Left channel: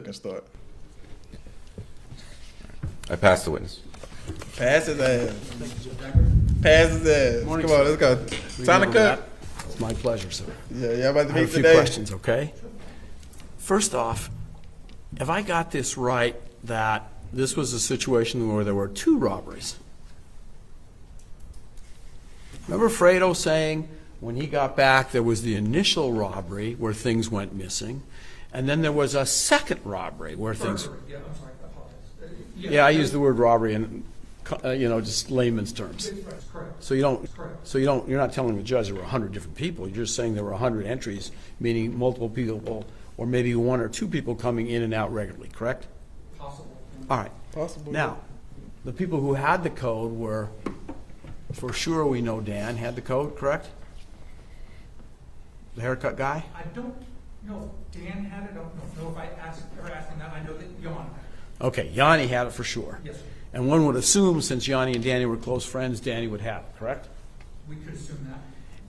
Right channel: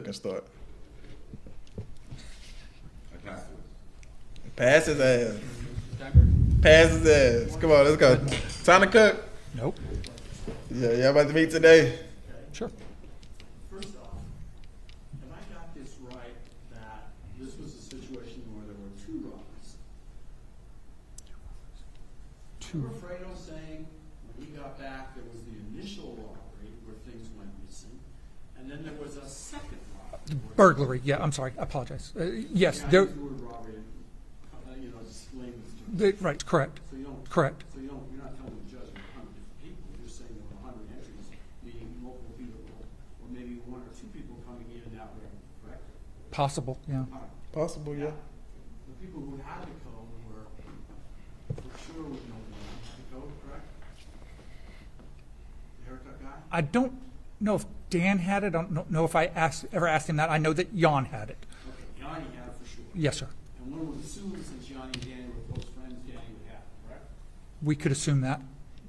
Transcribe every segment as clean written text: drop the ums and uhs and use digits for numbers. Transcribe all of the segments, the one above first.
can start. I passed the witness. Pass his ass. Pass his ass. Come on, let's go. Time to cook. Nope, my pleasure, sir. Yeah, y'all about to I have meet a few today. questions, okay? Sure. First off, have I got this right that this was a situation where there were two robberies? Remember Fredo saying when he got back there was the initial robbery where things went missing, and then there was a second robbery where Burglary, yeah, I'm sorry, I apologize. Yes. Yeah, I there- use the word robbery in, just layman's terms. Right, correct. So you don't. Correct. So you're not telling the judge there were 100 different people. You're just saying there were 100 entries, meaning multiple people, or maybe one or two people coming in and out regularly. Correct? Possible, yeah. All right. Possible. Now, the people who had the code were, for sure we know Dan had the code. Correct? The haircut guy. I don't know if Dan had it. I don't know if I ever asked him that. I know that Jan had it. Okay, Yanni had it for sure. Yes, sir. And one would assume, since Yanni and Danny were close friends, Danny would have it. Correct? We could assume that.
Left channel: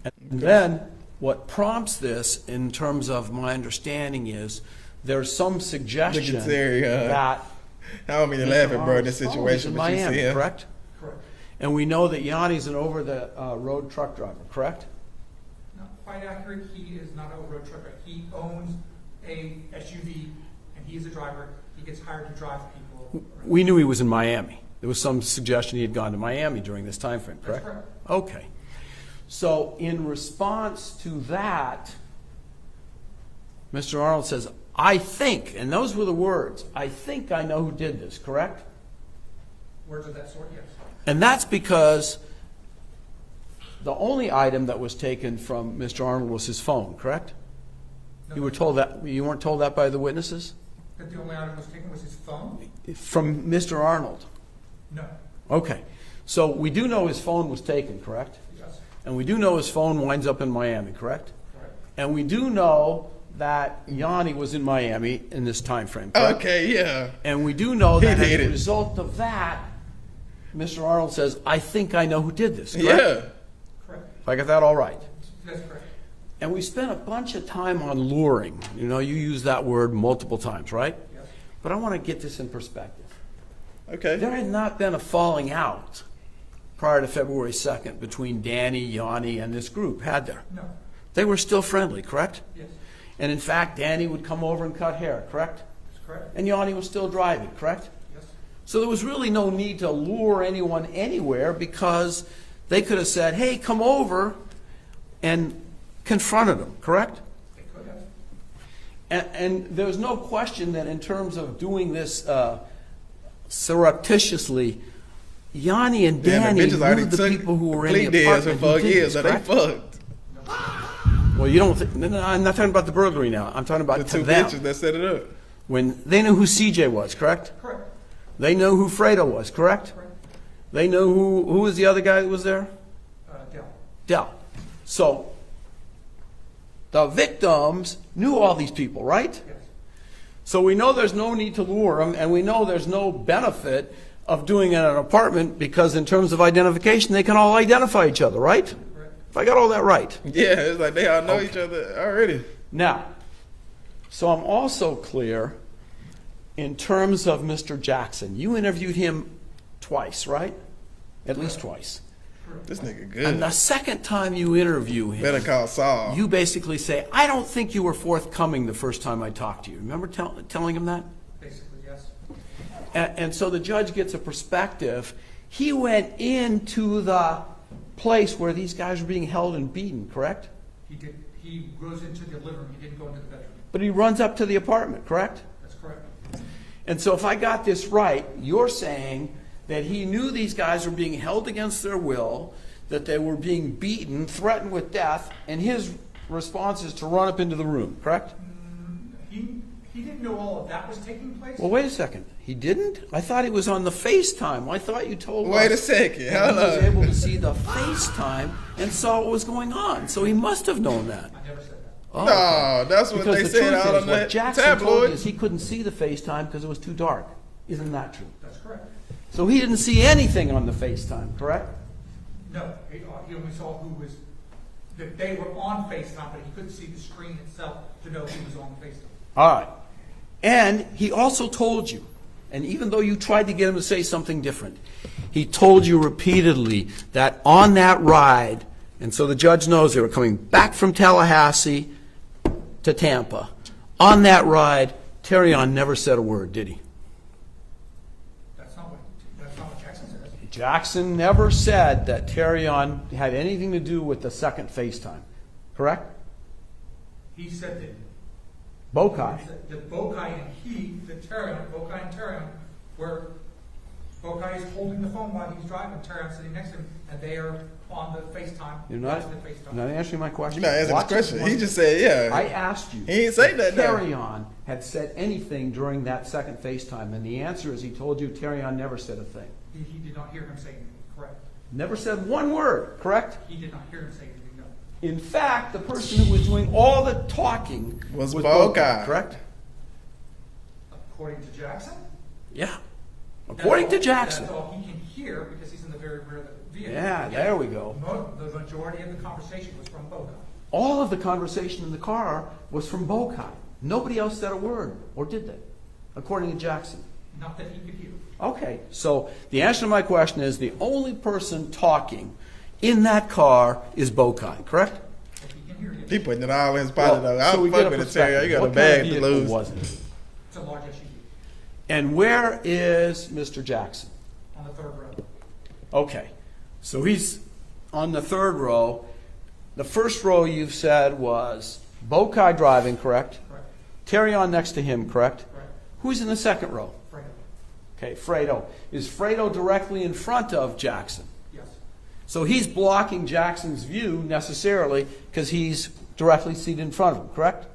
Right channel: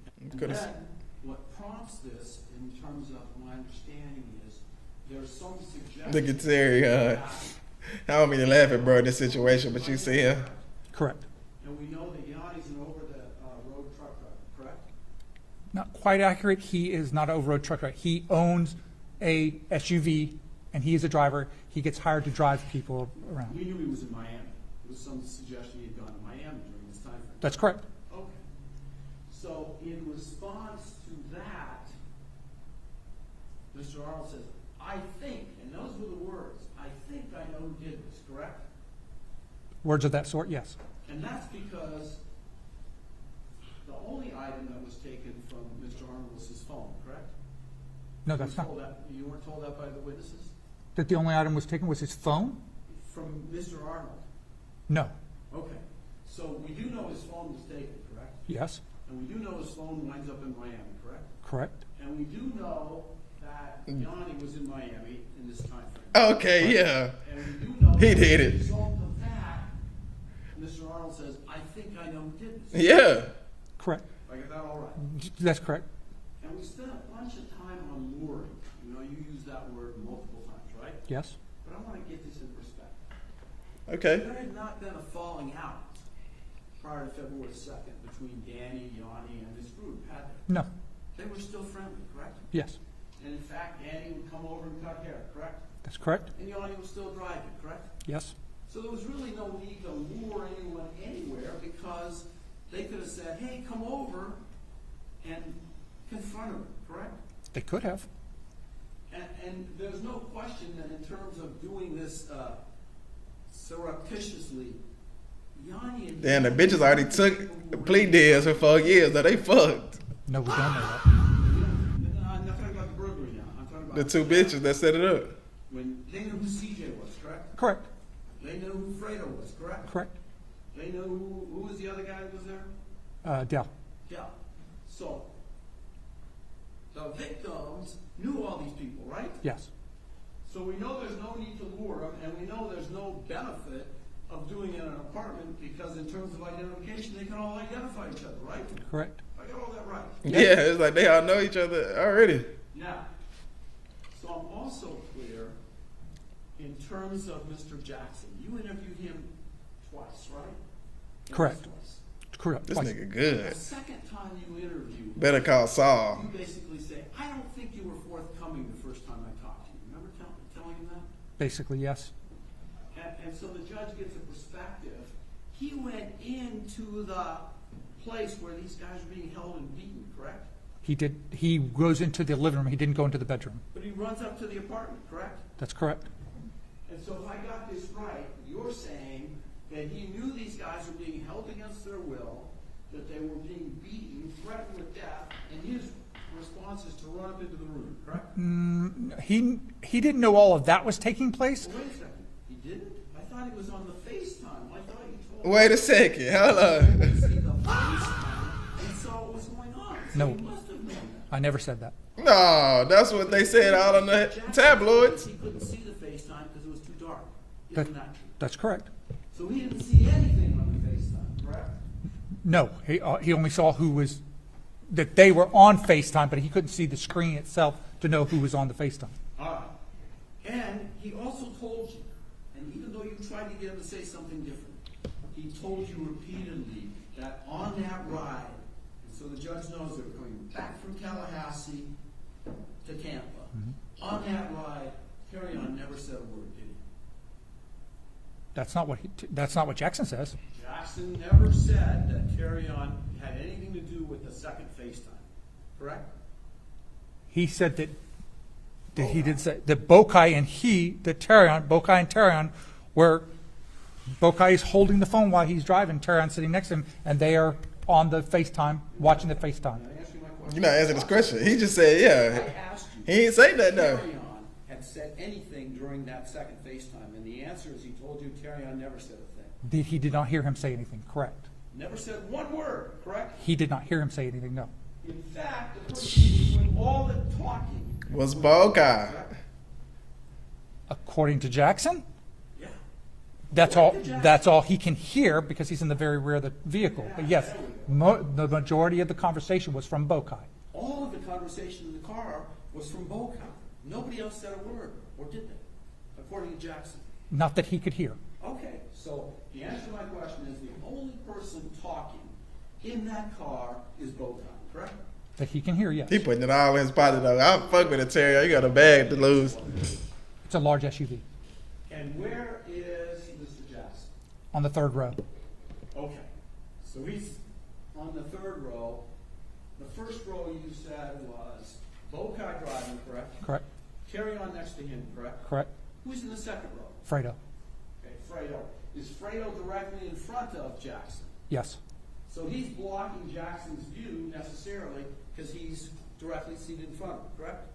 And then what prompts this, in terms of my understanding, is there's some suggestion Look at Terry. that I don't mean to laugh at bro in this situation, but you Miami, see him. correct? Correct. And we know that Yanni's an over-the-road truck driver, correct? Not quite accurate. He is not an over-road truck driver. He owns a SUV, and he is a driver. He gets hired to drive people around. We knew he was in Miami. There was some suggestion he had gone to Miami during this time frame, That's correct. Okay. So in response to that, Mr. Arnold says, I think, and those were the words, I think I know who did this, correct? Words of that sort, yes. And that's because the only item that was taken from Mr. Arnold was his phone, correct? No, You were that's told not- that, you weren't told that by the witnesses? That the only item was taken was his phone? From Mr. Arnold? No. Okay. So we do know his phone was taken, correct? Yes. And we do know his phone winds up in Miami, correct? Correct. And we do know that Yanni was in Miami in this time frame, correct? Okay, yeah. And we do know He that did as a it. result of that, Mr. Arnold says, I think I know who did this, correct? Yeah. Correct. I got that all right. That's correct. And we spent a bunch of time on luring. You know, you use that word multiple times, right? Yes. But I want to get this in perspective. Okay. There had not been a falling out prior to February 2nd between Danny, Yanni, and this group, had there? No. They were still friendly, correct? Yes. And in fact, Danny would come over and cut hair, correct? That's correct. And Yanni was still driving, correct? Yes. So there was really no need to lure anyone anywhere because they could have said, hey, come over, and confronted them, correct? They could have. And there was no question that in terms of doing this surreptitiously, Yanni and Damn, Danny the bitches already knew the took people who were plea in the deals for apartment 4 who did years, this, so they correct? fucked. No, we don't know that. Well, you don't. No, I'm not talking about the burglary now. I'm talking about The two them. bitches that set it up. When they knew who CJ was, correct? Correct. They know who Fredo was, correct? Correct. They know who was the other guy that was there? Dell. Dell. So the victims knew all these people, right? Yes. So we know there's no need to lure them, and we know there's no benefit of doing it in an apartment because in terms of identification, they can all identify each other, right? Correct. If I got all that right. Yeah, it's like they all know each other already. Now, so I'm also clear in terms of Mr. Jackson. You interviewed him twice, right? At least Correct. twice. Correct. This Twice. nigga And good. the second time you interview him, Better call Saul. you basically say, I don't think you were forthcoming the first time I talked to you. Remember telling him that? Basically, yes. And so the judge gets a perspective. He went into the place where these guys were being held and beaten, correct? He did. He goes into the living room. He didn't go into the bedroom. But he runs up to the apartment, correct? That's correct. And so if I got this right, you're saying that he knew these guys were being held against their will, that they were being beaten, threatened with death, and his response is to run up into the room, correct? He didn't know all of that was taking place. Well, wait a second. He didn't? I thought he was on the FaceTime. I thought you told Wait a us second. he Hold was able on. to see the FaceTime and saw what was going on. So he must have known that. I never said that. No, that's what Because they the said truth out is, on what the Jackson told us, tabloids. he couldn't see the FaceTime because it was too dark. Isn't that true? That's correct. So he didn't see anything on the FaceTime, correct? No, he only saw that they were on FaceTime, but he couldn't see the screen itself to know who was on the FaceTime. All right. And he also told you, and even though you tried to get him to say something different, he told you repeatedly that on that ride, and so the judge knows they were coming back from Tallahassee to Tampa. On that ride, Terrion never said a word, did he? That's not what Jackson says. Jackson never said that Terrion had anything to do with the second FaceTime, correct? He said that Bokai. he did say that Bokai and Bokai and Terrion were, Bokai is holding the phone while he's driving, Terrion sitting next to him, and they are on the FaceTime, watching the FaceTime. You're not answering my question. You're not answering his question. He just said, yeah. I asked you. He ain't say that, though. Terrion had said anything during that second FaceTime, and the answer is he told you Terrion never said a thing. He did not hear him say anything, correct? Never said one word, correct? He did not hear him say anything, no. In fact, the person who was doing all the talking Was Bokai. correct? According to Jackson, Yeah. that's According all, to Jackson. that's all he can hear because he's in the very rear of the vehicle. Yeah, But yes, there we go. The majority of the conversation was from Bokai. All of the conversation in the car was from Bokai. Nobody else said a word, or did they? According to Jackson. Not that he could hear. Okay, so the answer to my question is the only person talking in that car is Bokai, correct? That he can hear, yes. He putting it all in his pocket, though. So I'll we fuck get with a it, Terry. You got a What bag kind to of vehicle lose. was it? It's a large SUV And where is Mr. Jackson? on the third row. Okay, so he's on the third row. The first row you've said was Bokai driving, correct? Correct? Terrion next to him, correct? Correct? Who's in the second row? Fredo. Okay, Fredo. Is Fredo directly in front of Jackson? Yes. So he's blocking Jackson's view necessarily because he's directly seated in front of him, correct?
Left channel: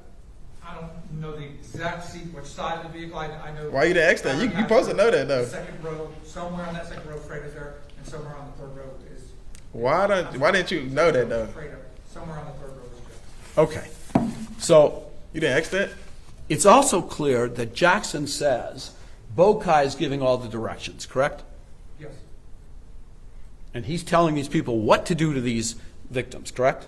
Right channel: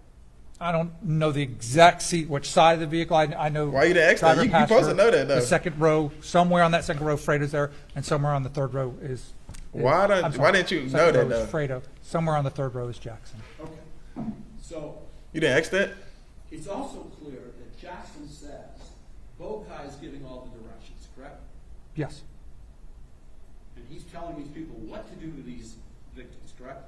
I don't know the exact seat, which side of the vehicle. I know. Why you the extra? driver You passenger, supposed to know that, though. The second row, somewhere on that second row, Fredo's there, and somewhere on the third row is. Why didn't you know that, though? Fredo. Somewhere on the third row is Jackson. Okay. So You didn't ask that? it's also clear that Jackson says Bokai is giving all the directions, correct? Yes. And he's telling these people what to do to these victims, correct?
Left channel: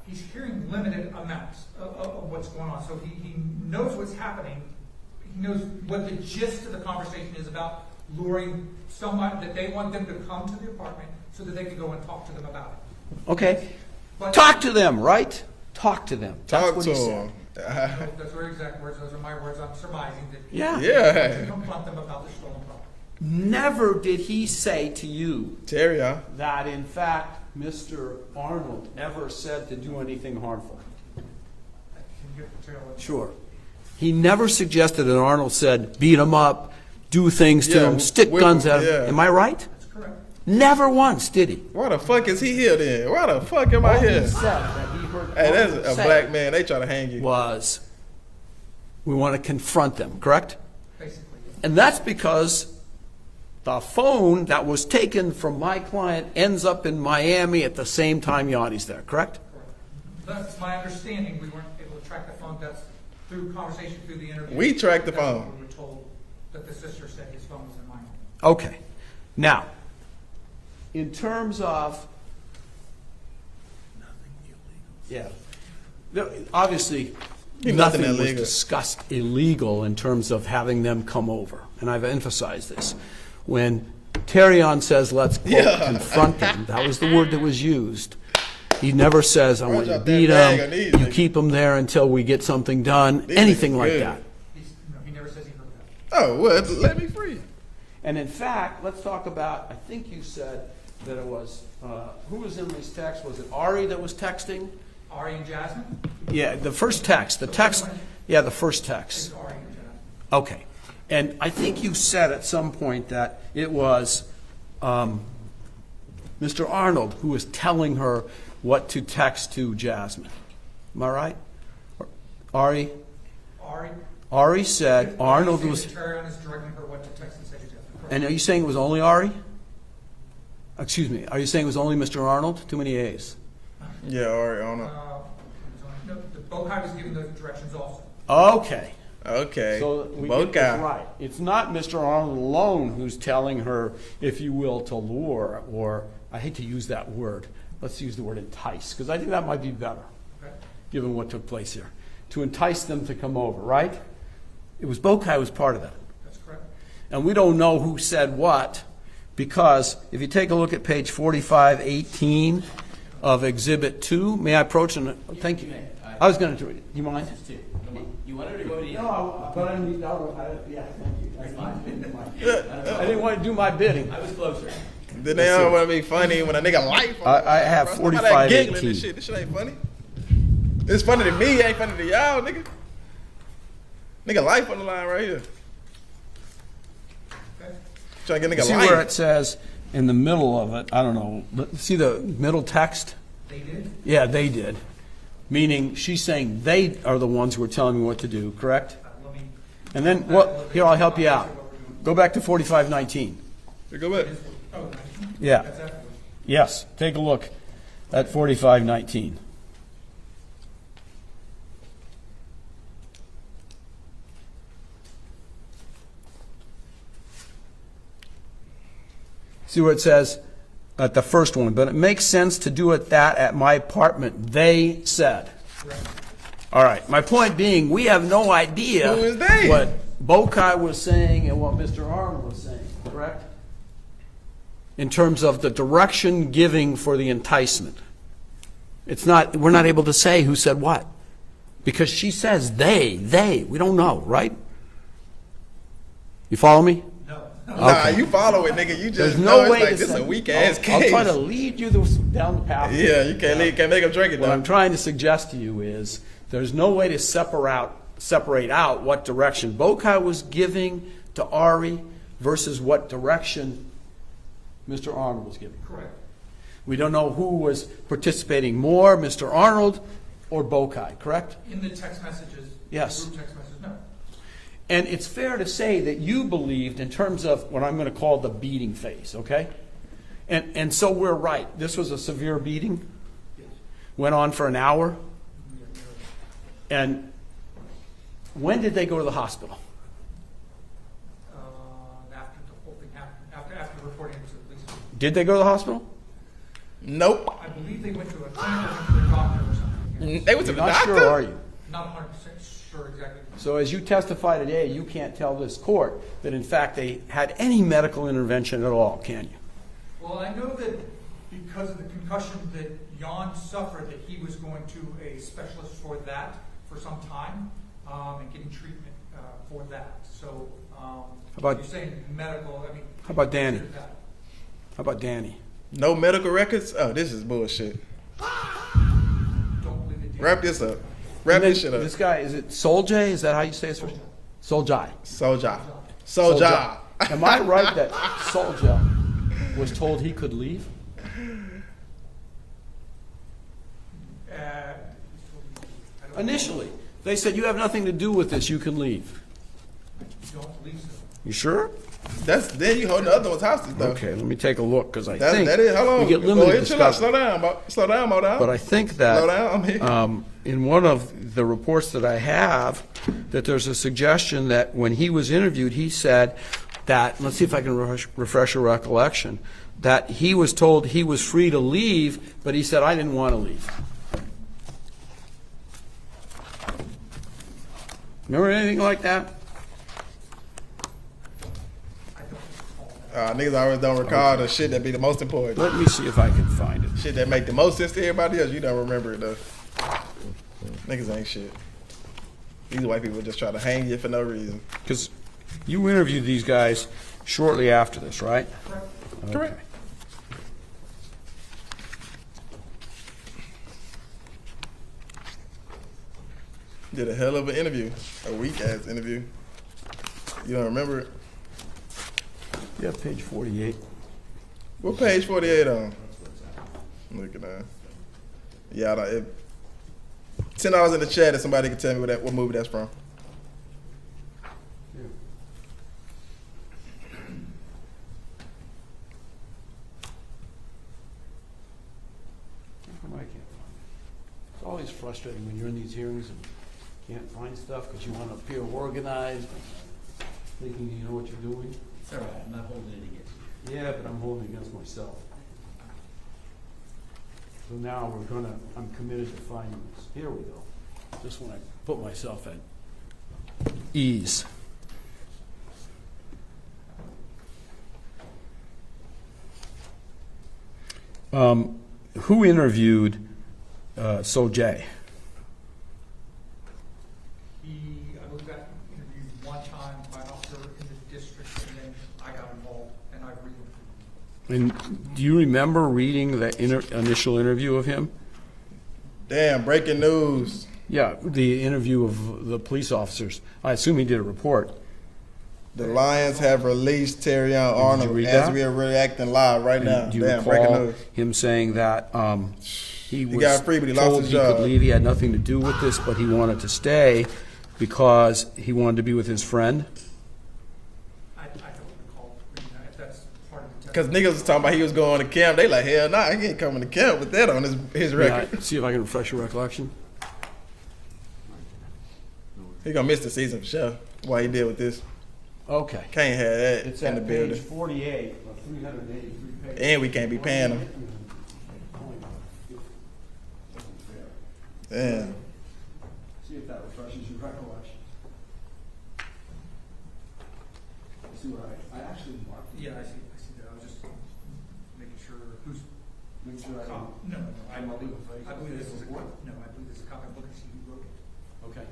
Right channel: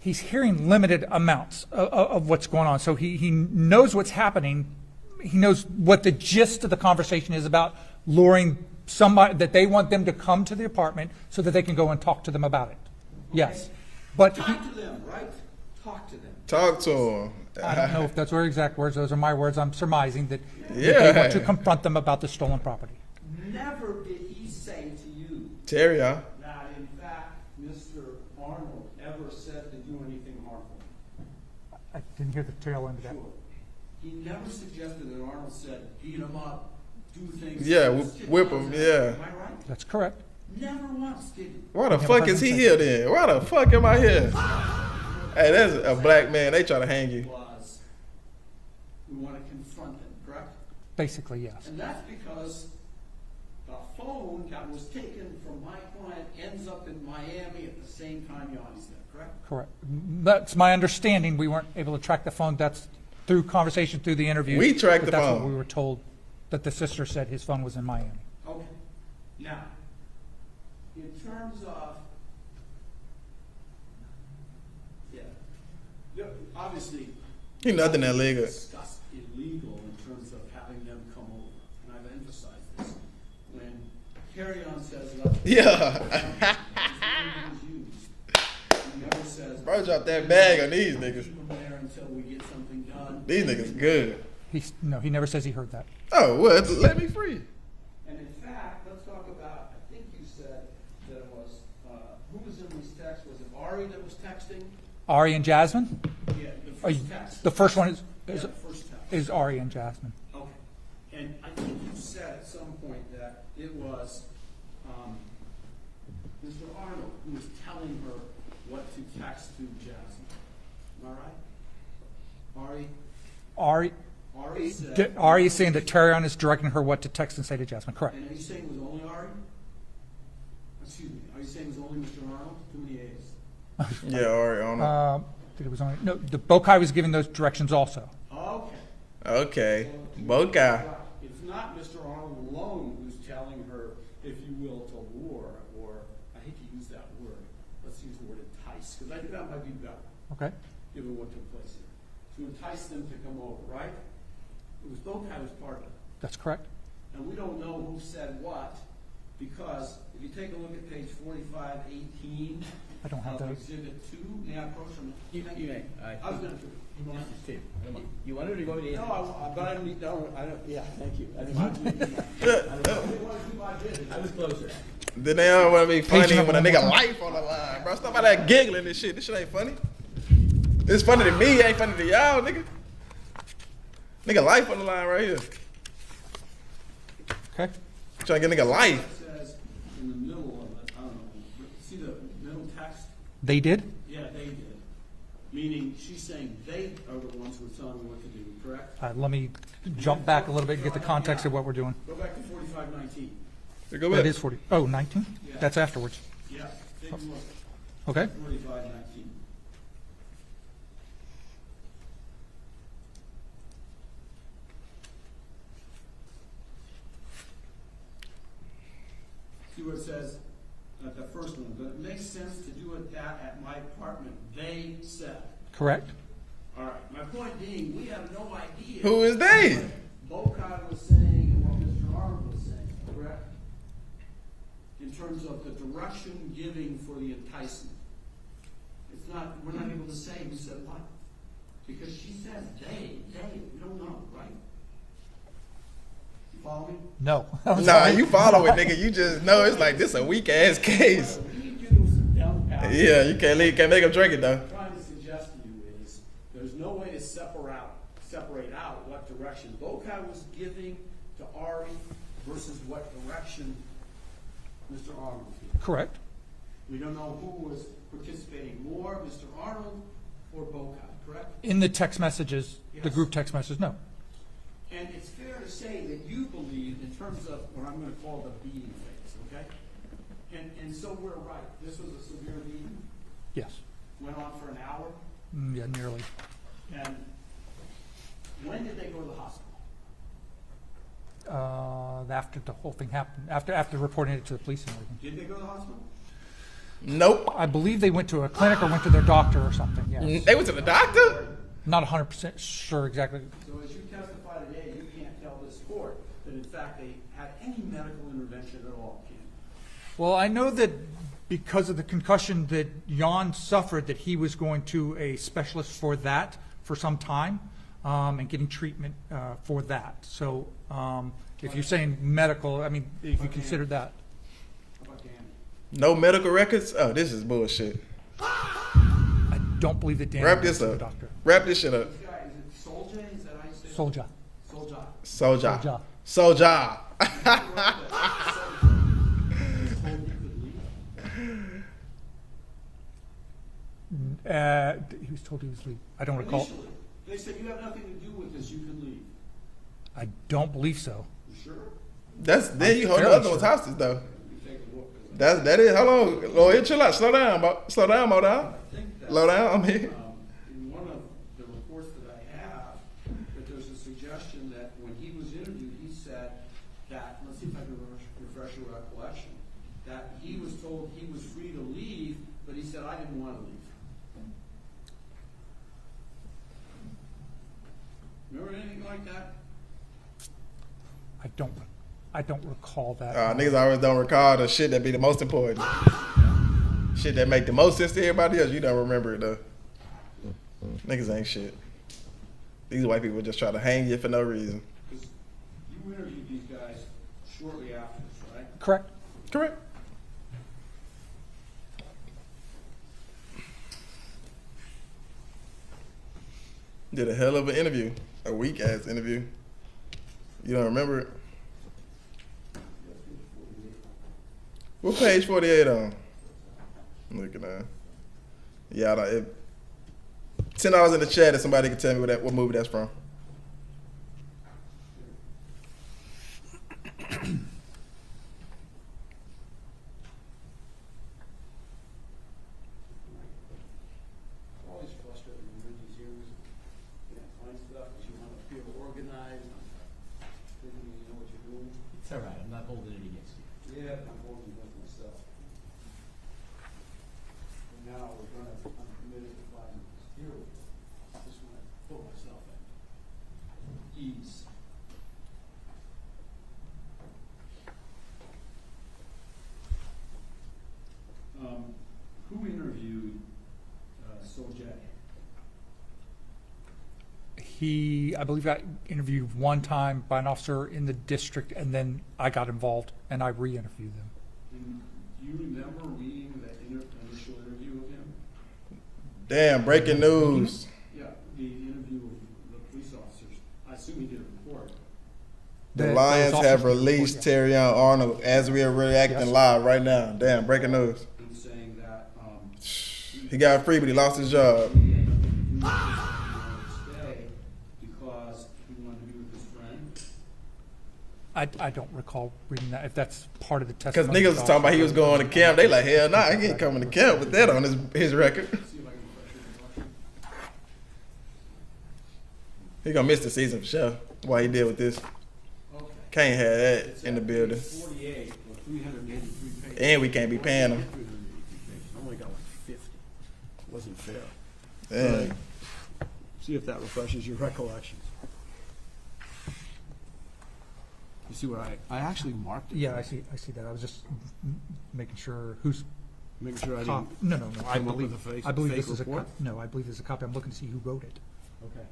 He's hearing limited amounts of what's going on, so he knows what's happening. He knows what the gist of the conversation is about, luring somebody that they want them to come to the apartment so that they can go and talk to them about it. Okay. Yes. But Talk to them, right? Talk to them. Talk That's to what he him. I don't know if those were exact words. Those are my words. I'm surmising that Yeah. Yeah. they want to confront them about the stolen property. Never did he say to you Terry, that, in fact, Mr. Arnold ever said to do anything harmful. I didn't hear the tail end. Sure. He never suggested that Arnold said, beat him up, do things to Yeah, him, stick whip guns him, at him. yeah. Am I right? That's correct. Never once did he. why the fuck is he here then? Why the fuck am I here? Said that he heard Hey, that's Arnold a say black man. They try to hang you. was, we want to confront them, correct? Basically, yeah. And that's because the phone that was taken from my client ends up in Miami at the same time Yanni's there, correct? Correct. That's my understanding. We weren't able to track the phone. That's through conversation through the interview. We tracked But the that's what phone. we were told that the sister said his phone was in Miami. Okay. Now, in terms of, yeah, obviously, Nothing was illegal. discussed illegal in terms of having them come over, and I've emphasized this. When Terrion says, let's quote, Yeah. confront them, that was the word that was used. He never says, I Why want to drop that beat bag on these them, you niggas? keep them there until we get something done, These anything niggas like good. that. He never says he heard that. Oh, well, let me free. And in fact, let's talk about, I think you said that it was, who was in this text? Was it Ari that was texting? Ari and Jasmine Yeah, the first text. The first text, one is- yeah, the first text. is Ari and Jasmine. Okay. And I think you said at some point that it was Mr. Arnold who was telling her what to text to Jasmine. Am I right? Ari said, Ari Arnold saying was, that Terrion is directing her what to text and say to Jasmine. Correct. and are you saying it was only Ari? Excuse me, are you saying it was only Mr. Arnold? Too many A's. Yeah, all right, on It was on, no, the Bokai was giving those directions also. Okay. Okay. So we Both get it guy. right. It's not Mr. Arnold alone who's telling her, if you will, to lure, or I hate to use that word. Let's use the word entice, because I think that might be better, Okay. given what took place here. to entice them to come over, right? It was Bokai was part of that. That's correct. And we don't know who said what, because if you take a look at page 4518 of Exhibit 2, may I approach and thank you. I was going to do it. You mind? You wanted to go to the No, but I didn't. No, yeah, thank you. That's fine. I didn't want to do my bidding. I was closer. Then they don't want to be funny when a nigga life on the I line, have bro. Stop all that 45, giggling 18. and shit. This shit ain't funny. It's funny to me, it ain't funny to y'all, nigga. Nigga life on the line right here. Okay. Trying to get nigga See where it life. says in the middle of it, I don't know, see the middle text? They did? Yeah, they did. Meaning she's saying they are the ones who are telling me what to do, correct? Let me And jump then, back well, a little bit. here, get I'll the help you context out. of what we're doing. Go back to 4519. Here, go That back. is 40. Oh, 19? Yeah. That's afterwards. Yes, take a look Okay. at 4519. See where it says at the first one, but it makes sense to do it that at my apartment, they said. Correct. All right, my point being, we have no idea. Who is they? What Bokai was saying and what Mr. Arnold was saying, correct? In terms of the direction giving for the enticement. It's not, we're not able to say who said what. Because she says they, we don't know, right? You follow me? No. Nah, you follow it, nigga. You just There's know no it's way like to this say- a weak ass I'll case. try to lead you down the path. Yeah, you can't leave, can't make him drink it What I'm though. trying to suggest to you is there's no way to separate out what direction Bokai was giving to Ari versus what direction Mr. Arnold was giving. Correct. We don't know who was participating more, Mr. Arnold or Bokai, correct? In the text messages, Yes. the group text messages, no. And it's fair to say that you believed in terms of what I'm going to call the beating phase, okay? And so we're right. This was a severe beating, Yes. went on for an hour. Yeah, nearly. And when did they go to the hospital? After the whole thing happened, after reporting it to the police. Did they go to the hospital? Nope. I believe they went to a clinic or went to their doctor or something, yeah. They went to the Not doctor? sure, are you? Not 100% sure exactly. So as you testify today, you can't tell this court that in fact they had any medical intervention at all, can you? Well, I know that because of the concussion that Jan suffered, that he was going to a specialist for that for some time, and getting treatment for that. So if about- you're saying medical, I mean, you about can consider Danny? that. How about Danny? No medical records? Oh, this is bullshit. I don't believe that Danny. Wrap this was a up. doctor. Wrap And this shit then up. This guy, is it Soljay? Is that how you say it? Soldier. Soljai. Soja. Soja. Am I right that Soljai was told he could leave? He was told he was leave. I don't recall. Initially, they said you have nothing to do with this. You can leave. I don't believe so. You sure? That's then you hold the other ones hostage though. Okay, let me take a look because I That's think that is. Hold on. we get Go limited ahead, chill out. discussion. Slow down, slow down, Mo down. But I think that Slow down. I'm here. in one of the reports that I have, that there's a suggestion that when he was interviewed, he said that, let's see if I can refresh your recollection, that he was told he was free to leave, but he said, I didn't want to leave. Remember anything like that? I don't recall that. Niggas always don't recall the shit that be the most important. Let me see if I can find it. Shit that make the most sense to everybody else, you don't remember it though. Niggas ain't shit. These white people just try to hang you for no reason. Because you interviewed these guys shortly after this, right? Correct. Correct. Did a hell of an interview. A weak ass interview. You don't remember it? Yeah, page 48. What page 48 on? I'm looking at. Yeah, $10 in the chat if somebody can tell me what movie that's from. It's always frustrating when you're in these hearings and can't find stuff because you want to appear organized, thinking you know what you're doing. It's all right. I'm not holding it against you. Yeah, but I'm holding against myself. So now I'm committed to finding this. Here we go. This one I put myself at ease. Who interviewed Sojay? He, I believe, got interviewed one time by an officer in the district, and then I got involved and I re-interviewed him. And do you remember reading the initial interview of him? Damn, breaking news. Yeah, the interview of the police officers. I assume he did a report. The Lions have released Terrion Arnold as we are reacting live right now. Do you Damn, breaking recall news. him saying that he got free, but he lost told his he could job. leave. He had nothing to do with this, but he wanted to stay because he wanted to be with his friend. I don't recall reading that, if that's part of the Because testimony. niggas was talking about he was going to camp. They like, hell nah, he ain't coming to camp with that on his record. Yeah, see if I can refresh your recollection. He gonna miss the season for sure. Why he did with this. Okay. Can't have that It's in the at building. page 48 of 383 pages. And we can't be paying him. I only got like 50. Wasn't fair. Damn. See if that refreshes your recollection. You see what I actually marked it. Yeah, I see that. I was just making sure who's. Making sure I cop- didn't. No. I come up believe, with a fake- I believe fake this is a report? no. I believe this is a copy. I'm looking to see who wrote it. Okay.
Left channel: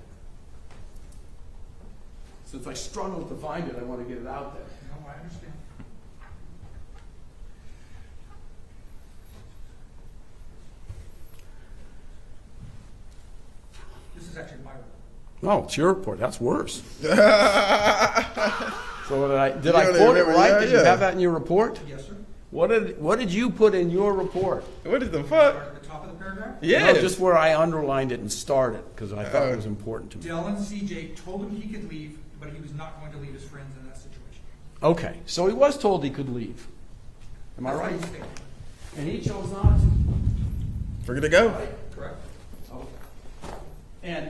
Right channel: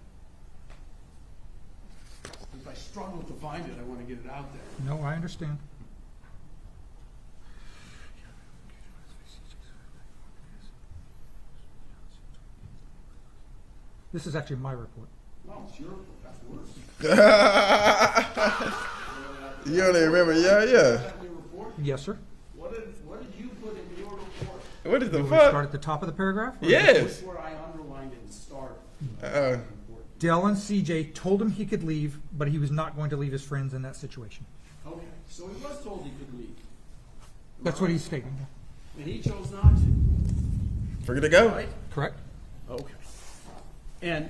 Since I struggled to find it, I want to get it out there. No, I understand. This is actually my report. Oh, it's your report. That's worse. Yeah. So did You I don't quote it remember, right? yeah, Did you yeah. have that in your report? Yes, sir. What did you put in your report? What is the You want me to start fuck? at the top of the paragraph? Yes. Just where I underlined it and started because I thought it was important to me. Dell and CJ told him he could leave, but he was not going to leave his friends in that situation. Okay, so he was told he could leave. Am I That's what right? he's stating. And he chose not to. Forget to go. Right? Correct? Okay. And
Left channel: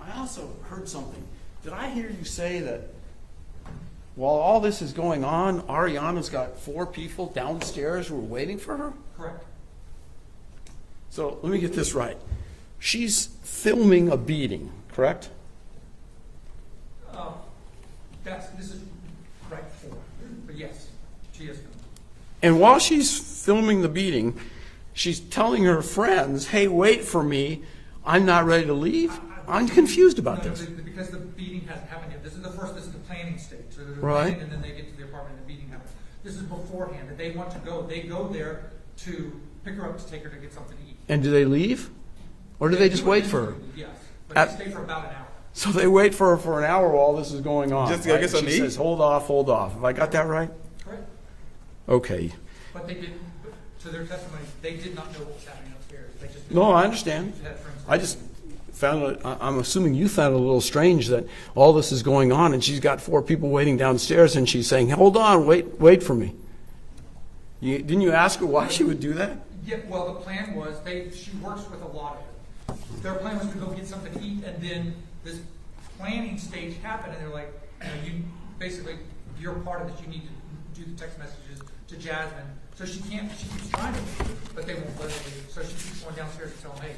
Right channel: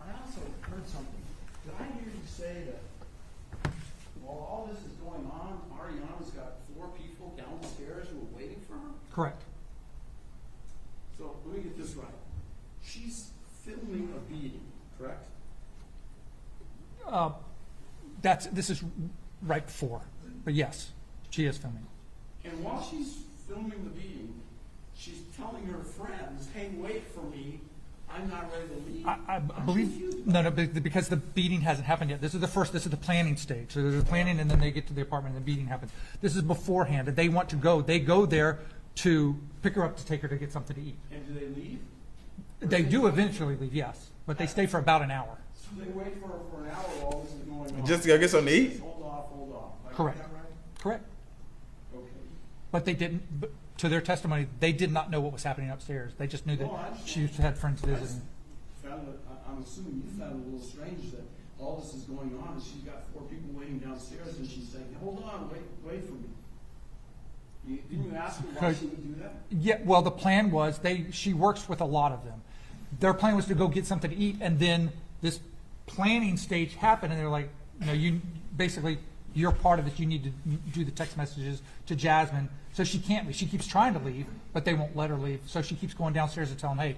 I also heard something. Did I hear you say that while all this is going on, Ariana's got 4 people downstairs who are waiting for her? Correct. So let me get this right. She's filming a beating, correct? This is right before, but yes, she is filming. And while she's filming the beating, she's telling her friends, hey, wait for me. I'm not ready to leave. I'm confused about No, this. because the beating hasn't happened yet. This is the planning stage. So there's a Right. planning, and then they get to the apartment, and the beating happens. This is beforehand, and they want to go. They go there to pick her up to take her to get something to eat. And do they leave? Or do they just wait for her? eventually leave, yes, but At- they stay for about an hour. So they wait for her for an hour while this is going on. Just to go get something She to eat? says, hold off, hold off. Have I got that right? Correct. Okay. But they didn't. But to their testimony, they did not know what was happening upstairs. They just knew. No, that I understand. She had friends. I just found it, I'm assuming you found it a little strange that all this is going on and she's got 4 people waiting downstairs and she's saying, hold on, wait for me. Didn't you ask her why she would do that? Yeah, well, the plan was she works with a lot of them. Their plan was to go get something to eat, and then this planning stage happened, and they're like, you're part of this. You need to do the text messages to Jasmine. So she can't. She keeps trying to leave, but they won't let her leave. So she keeps going downstairs and telling them, hey,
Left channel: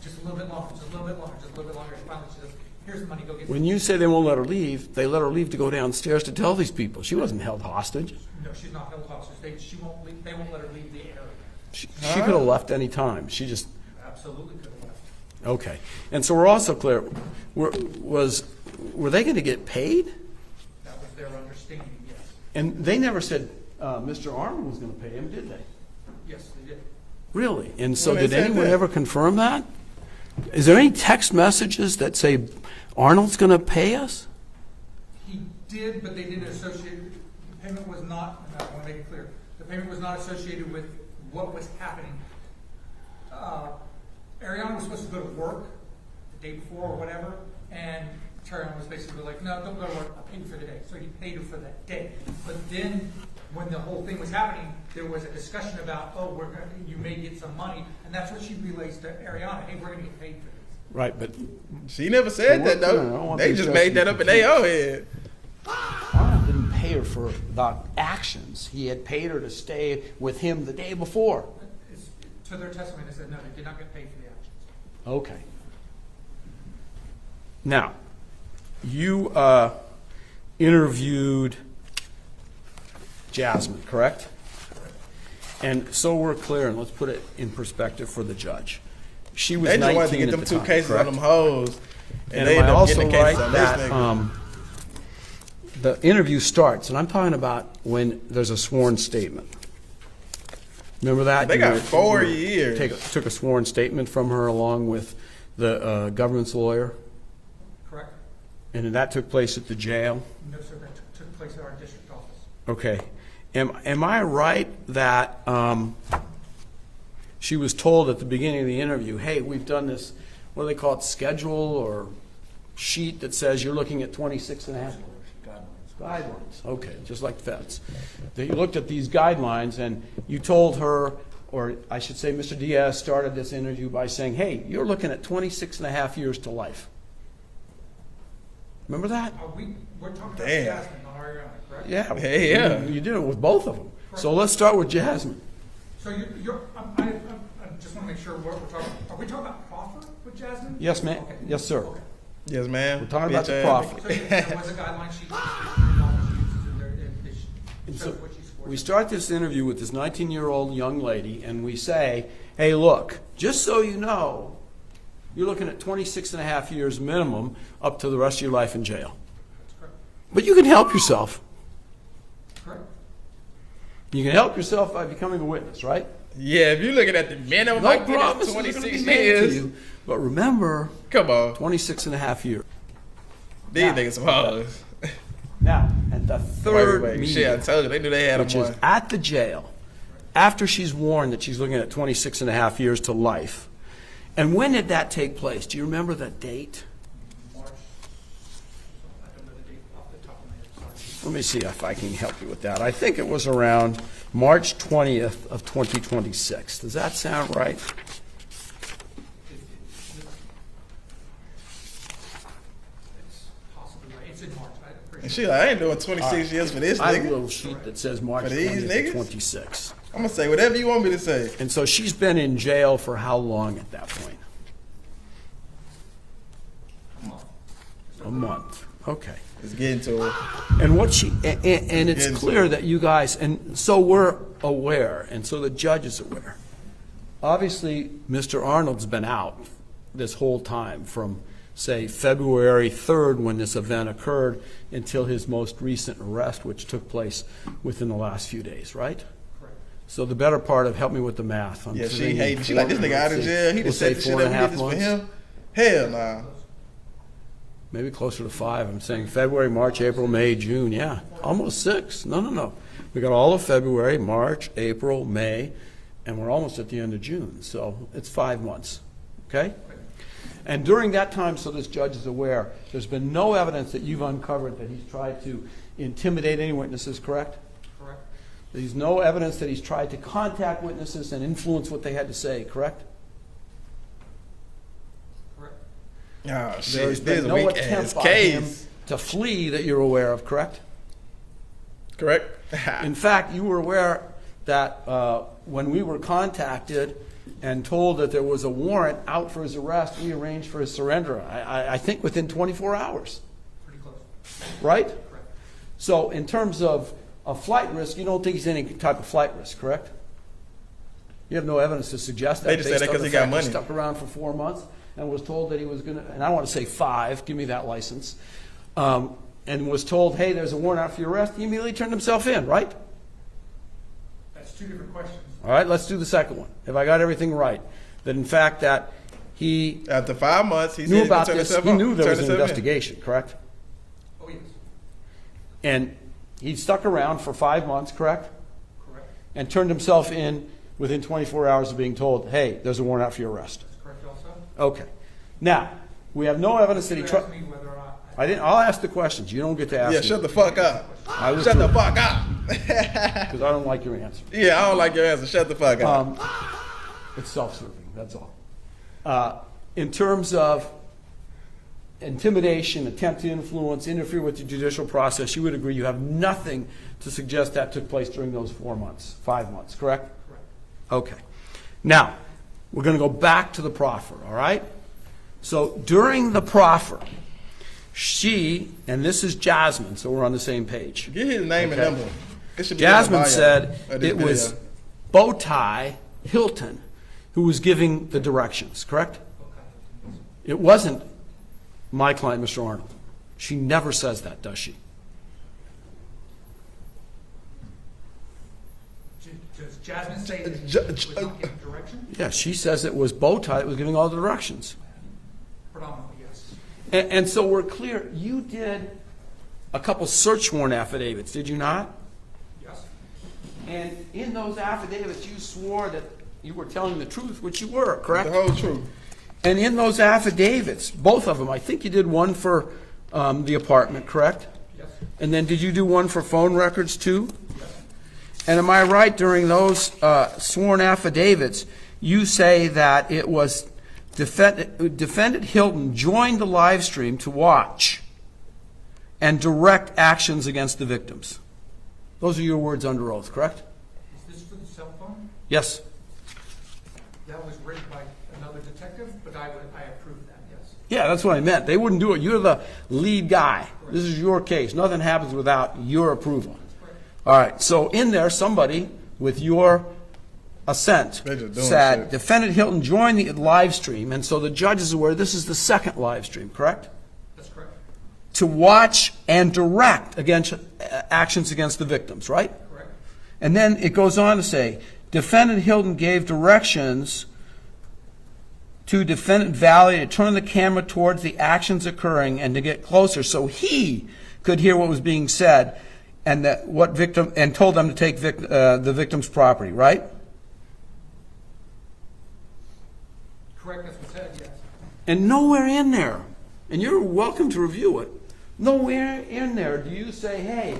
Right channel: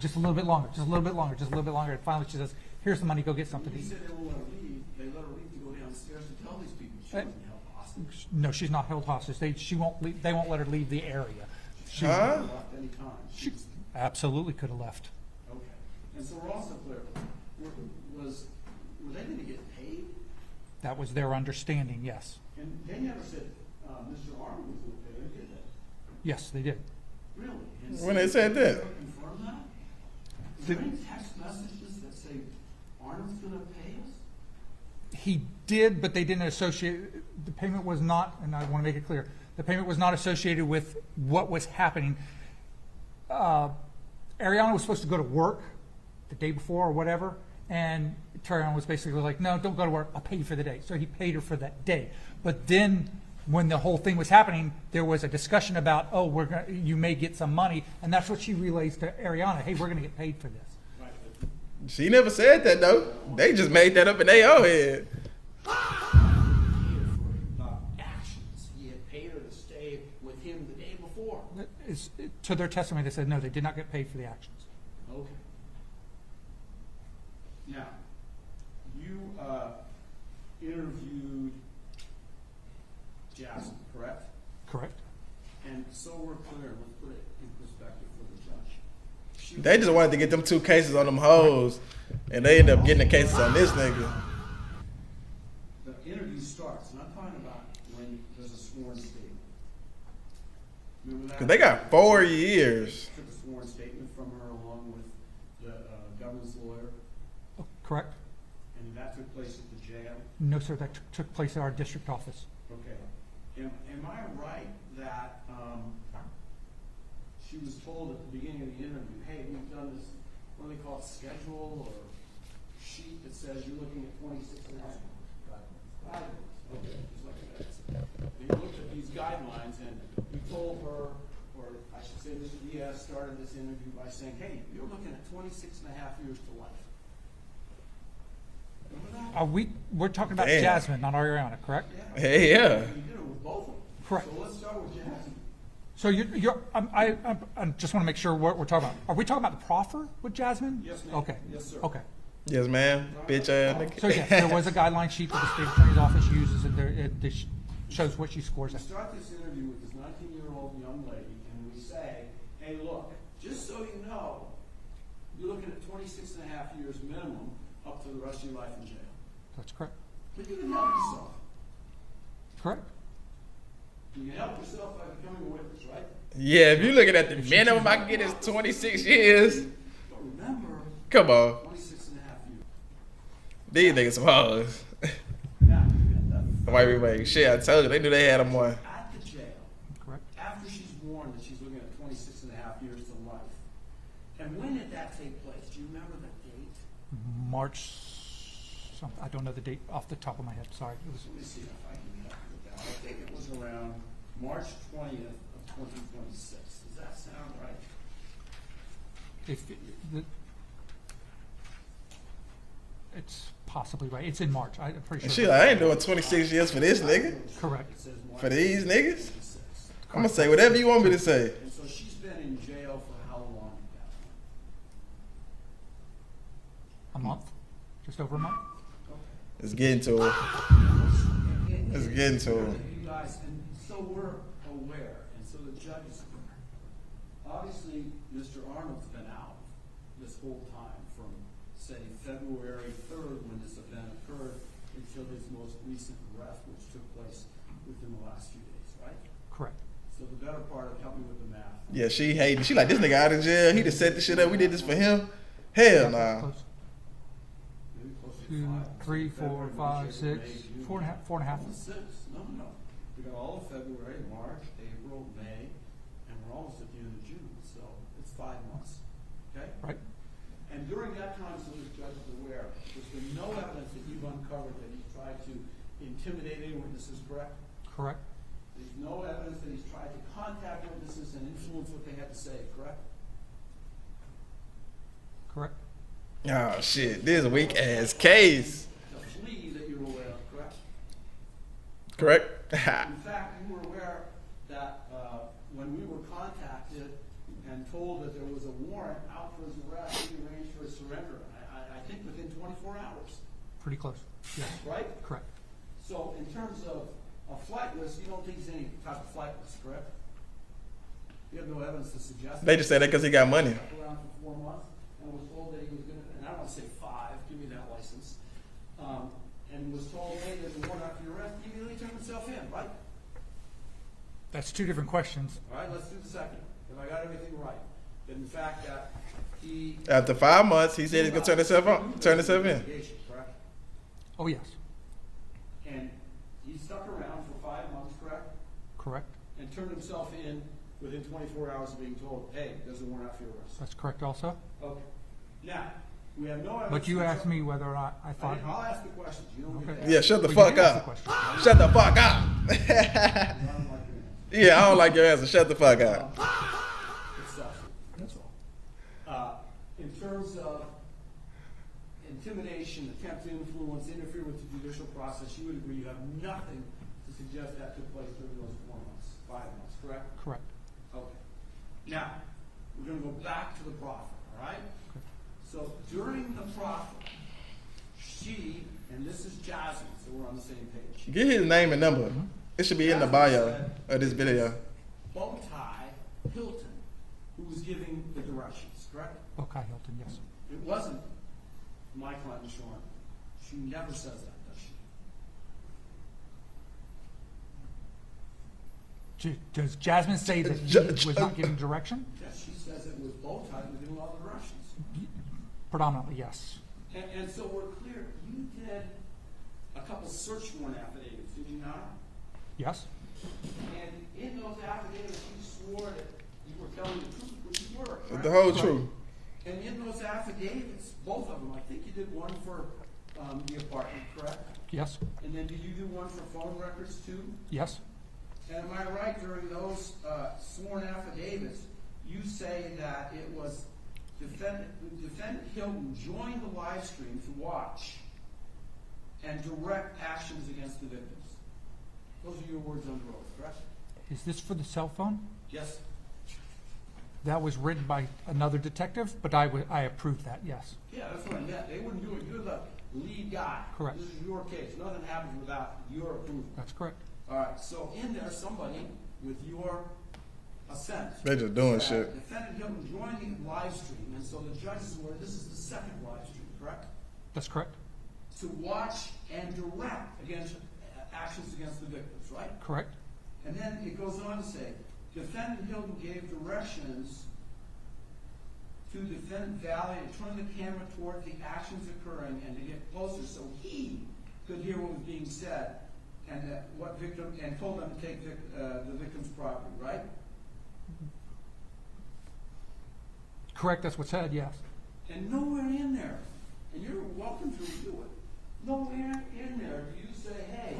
just a little bit longer, just a little bit longer, just a little bit longer. And finally, she says, here's the money. Go get something. When you say they won't let her leave, they let her leave to go downstairs to tell these people. She wasn't held hostage. No, she's not held hostage. They won't let her leave the area. She could have left any time. She just, Absolutely could have left. okay. And so we're also clear, were they going to get paid? That was their understanding, yes. And they never said Mr. Arnold was going to pay him, did they? Yes, they did. Really? And so Well, they did said anyone that. ever confirm that? Is there any text messages that say Arnold's going to pay us? He did, but they didn't associate, the payment was not, and I want to make it clear, the payment was not associated with what was happening. Ariana was supposed to go to work the day before or whatever, and Terrion was basically like, no, don't go to work, I'll pay you for the day. So he paid her for that day. But then, when the whole thing was happening, there was a discussion about, you may get some money, and that's what she relays to Ariana, hey, we're going to get paid for this. Right, but She never said that I though. don't want They to just discuss made that up in their own head. Arnold didn't pay her for the actions. He had paid her to stay with him the day before. To their testimony, they said, no, they did not get paid for the actions. Okay. Now, you interviewed Jasmine, correct? Correct. And so we're clear, and let's put it in perspective for the judge. She was They just wanted to 19 get at them the 2 time, cases correct? on them hoes, and they am end I up getting the also cases right on this that, nigga. The interview starts, and I'm talking about when there's a sworn statement. Remember that? They got You 4 years. took a sworn statement from her along with the government's lawyer, Correct? and that took place at the jail. No, sir, that took place at our district office. Okay. Am I right that she was told at the beginning of the interview, hey, we've done this, what do they call it, schedule or sheet that says you're looking at 26 and a half? Guidelines. Okay, just like feds. They looked at these guidelines, and you told her, or I should say Mr. Diaz started this interview by saying, hey, you're looking at 26 and a half years to life. Remember that? We're talking about Damn. Jasmine, not Ariana, correct? Yeah. Hey, yeah. You did it with both of them. Correct. So let's start with Jasmine. So I just want to make sure what we're talking about. Are we talking about proffer with Jasmine? Yes, ma'am. Okay. Yes, sir. Okay. Yes, ma'am. We're talking about Bitch the ass. profit. So yes, there was a guideline sheet that the state attorney's office uses, and it shows what she scores. We start this interview with this 19-year-old young lady, and we say, hey, look, just so you know, you're looking at 26 and a half years minimum up to the rest of your life in jail. That's correct. But you can help yourself. Correct. You can help yourself by becoming a witness, right? Yeah, if you're looking at the minimum I No get promise is is gonna 26 be made to years. you. But remember, Come on. 26 and a half years. These niggas some hoes. Now, at the third Wait. Shit, I meeting, told you. They knew they had which them is one. at the jail, after she's warned that she's looking at 26 and a half years to life. And when did that take place? Do you remember the date? March. I don't know the date off the top of my head. Sorry. Let me see if I can help you with that. I think it was around March 20th of 2026. Does that sound right? It's possibly right. It's in March. I'm pretty And sure. shit, I ain't doing 26 years for this I have a nigga. little sheet that says March For these 20th niggas? of 26. I'm gonna say whatever you want me to say. And so she's been in jail for how long at that point? A month. Just A over month. Okay. It's getting to her. And what she and getting it's to clear it. that you guys, and so we're aware, and so the judge is aware. Obviously, Mr. Arnold's been out this whole time from, say, February 3rd when this event occurred until his most recent arrest, which took place within the last few days, right? Correct. So the better part of, help me with the math. Yeah, she hating. She like, this nigga out of jail. He just set the shit up. We did this for him. Hell nah. Maybe closer to 5. I'm saying February, March, April, May, June. Yeah, almost 6. No. We got all of February, March, April, May, and we're almost at the end of June. So it's 5 months. Okay? Right. And during that time, so this judge is aware, there's been no evidence that you've uncovered that he's tried to intimidate any witnesses, correct? Correct. There's no evidence that he's tried to contact witnesses and influence what they had to say, correct? Correct. Oh There's shit, been this is a no weak attempt ass by case. him to flee that you're aware of, correct? Correct? In fact, you were aware that when we were contacted and told that there was a warrant out for his arrest, we arranged for his surrender, I think within 24 hours, Pretty close. Yeah. right? Correct. So in terms of a flight risk, you don't think he's any type of flight risk, correct? You have no evidence to suggest that. They just said that based on 'cause the he got fact money. Stuck around for 4 months and was told that he was going to, and I want to say 5, give me that license, and was told, hey, there's a warrant out for your arrest. He immediately turned himself in, right? That's 2 different questions. All right, let's do the second one. Have I got everything right? That in fact that he After 5 months, he knew said he's gonna about turn this, himself he on. knew there Turn was an himself in. investigation, correct? Oh, yes. And he stuck around for 5 months, correct? Correct. And turned himself in within 24 hours of being told, hey, there's a warrant out for your arrest. That's correct also. Okay. Now, we have no evidence But that you he asked me whether I didn't. I'll ask the questions. You don't get to ask. Yeah, shut the fuck up. Shut the fuck up. Because I don't like your answer. Yeah, I don't like your answer. Shut the fuck up. It's self-serving. That's all. In terms of intimidation, attempt to influence, interfere with the judicial process, you would agree you have nothing to suggest that took place during those 4 months, 5 months, correct? Correct. Okay. Now, we're going to go back to the proffer, all right? So during the proffer, she, and this is Jasmine, so we're on the same page. Get his name and number. It should be in the Jasmine bio said of this it video. was Bowtie Hilton who was giving the directions, correct? Okay, Hilton, yes. It wasn't my client, Mr. Arnold. She never says that, does she? Does Jasmine say that he was not giving direction? Yeah, she says it was Bowtie that was giving all the directions. Predominantly, yes. And so we're clear, you did a couple search warrant affidavits, did you not? Yes. And in those affidavits, you swore that you were telling the truth, which you were, correct? The whole truth. And in those affidavits, both of them, I think you did one for the apartment, correct? Yes. And then did you do one for phone records too? Yes. And am I right, during those sworn affidavits, you say that it was defendant Hilton joined the live stream to watch and direct actions against the victims. Those are your words under oath, correct? Is this for the cell phone? Yes. That was written by another detective, but I approve that, yes. Yeah, that's what I meant. They wouldn't do it. You're the lead guy. Correct. This is your case. Nothing happens without your approval. That's correct. All right, so in there, somebody with your assent They're just doing said, shit. defendant Hilton joined the live stream, and so the judge is aware this is the second live stream, correct? That's correct. To watch and direct against actions against the victims, right? Correct. And then it goes on to say, defendant Hilton gave directions to defendant Valley to turn the camera towards the actions occurring and to get closer so he could hear what was being said, and that what victim, and told them to take the victim's property, right? Correct, that's what's said, yes. And nowhere in there, and you're welcome to review it, nowhere in there do you say, hey,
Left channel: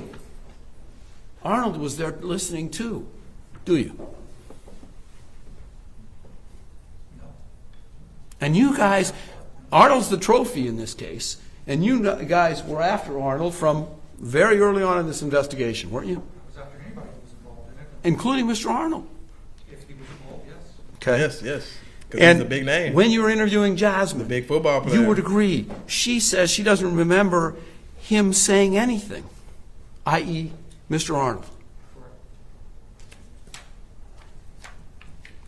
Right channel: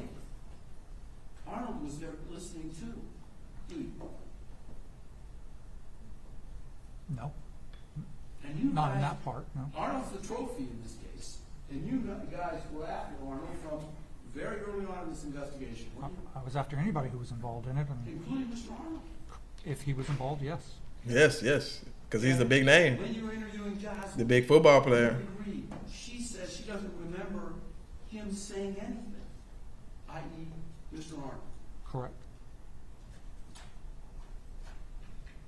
Arnold was there listening too, do you? No. And you guys, that part, no. Arnold's the trophy in this case, and you guys were after Arnold from very early on in this investigation, weren't you? I was after anybody who was involved in it. Including Mr. Arnold. If he was involved, yes. Yes, yes. Because he's a big name. When you were interviewing Jasmine, The big football player. you would agree. She says she doesn't remember him saying anything, i.e., Mr. Arnold. Correct.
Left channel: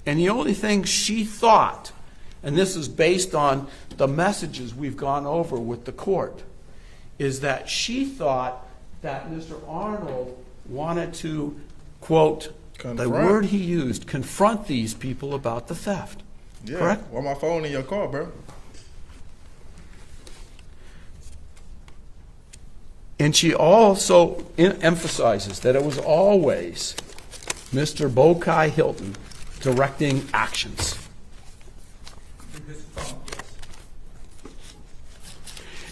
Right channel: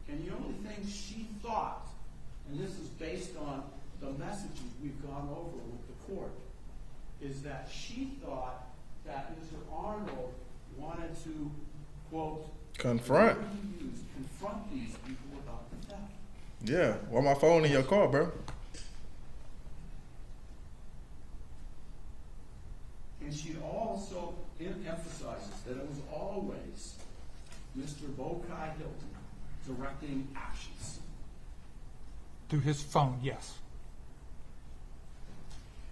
And the only thing she thought, and this is based on the messages we've gone over with the court, is that she thought that Mr. Arnold wanted to, quote, the Confront. word he used, confront these people about the theft. Yeah. Correct? Why my phone in your car, bro? And she also emphasizes that it was always Mr. Bowtie Hilton directing actions. Through his phone, yes.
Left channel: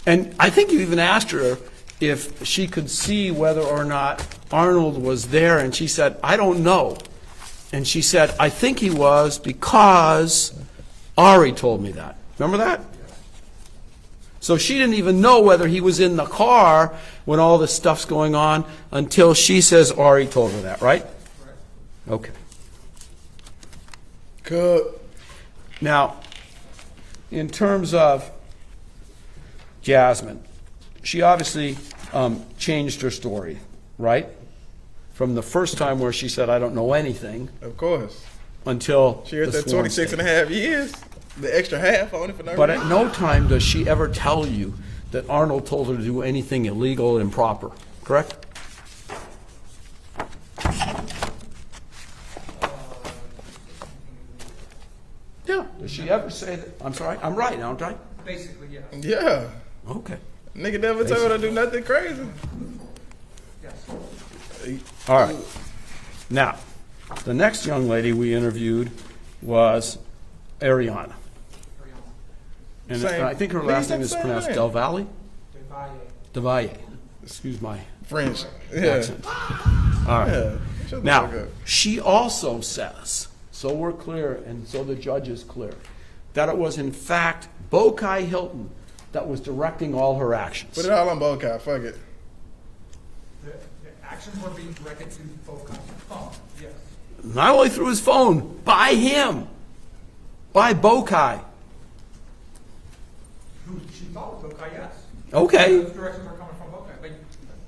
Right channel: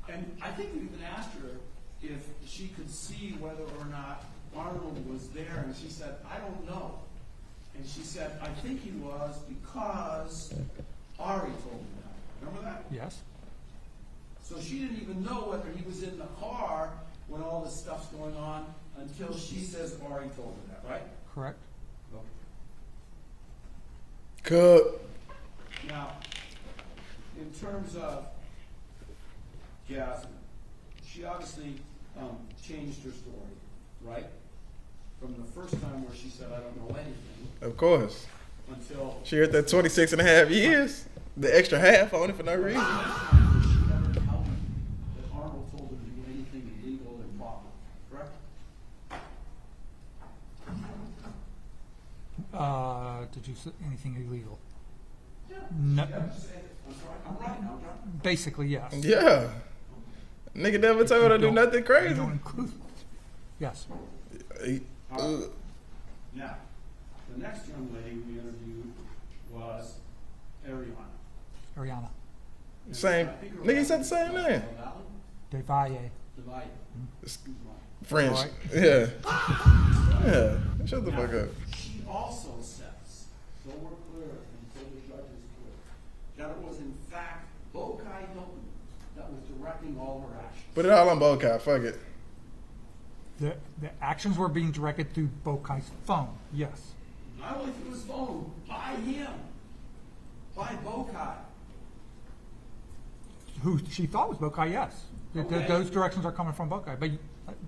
And I think you even asked her if she could see whether or not Arnold was there, and she said, I don't know. And she said, I think he was because Ari told me that. Remember that? Yes. So she didn't even know whether he was in the car when all this stuff's going on until she says Ari told her that, right? Correct. Okay. Good. Now, in terms of Jasmine, she obviously changed her story, right? From the first time where she said, I don't know anything, Of course. until She heard the that sworn 26 and a half years. The extra half on it for no But reason. at no time does she ever tell you that Arnold told her to do anything illegal and improper, correct? Did you say anything illegal? Yeah. Does she ever say that? I'm sorry, I'm right, aren't I? Basically, yes. Yeah. Okay. Nigga never told her to do nothing crazy. Yes. All right. Now, the next young lady we interviewed was Ariana. Ariana. And Same. I think her Nigga, last said name is the same pronounced name. Del Valle? Devalle. DeValle. Excuse my French. Yeah. All right. Yeah. Shut the Now, fuck up. she also says, so we're clear and so the judge is clear, that it was in fact Bowtie Hilton that was directing all her actions. Put it all on Bokai. Fuck it. The actions were being directed through both kinds of phone, yes. Not only through his phone, by him, by Bowtie. Who she thought was Bokai, yes. Okay. Those directions are coming from Buckeye, but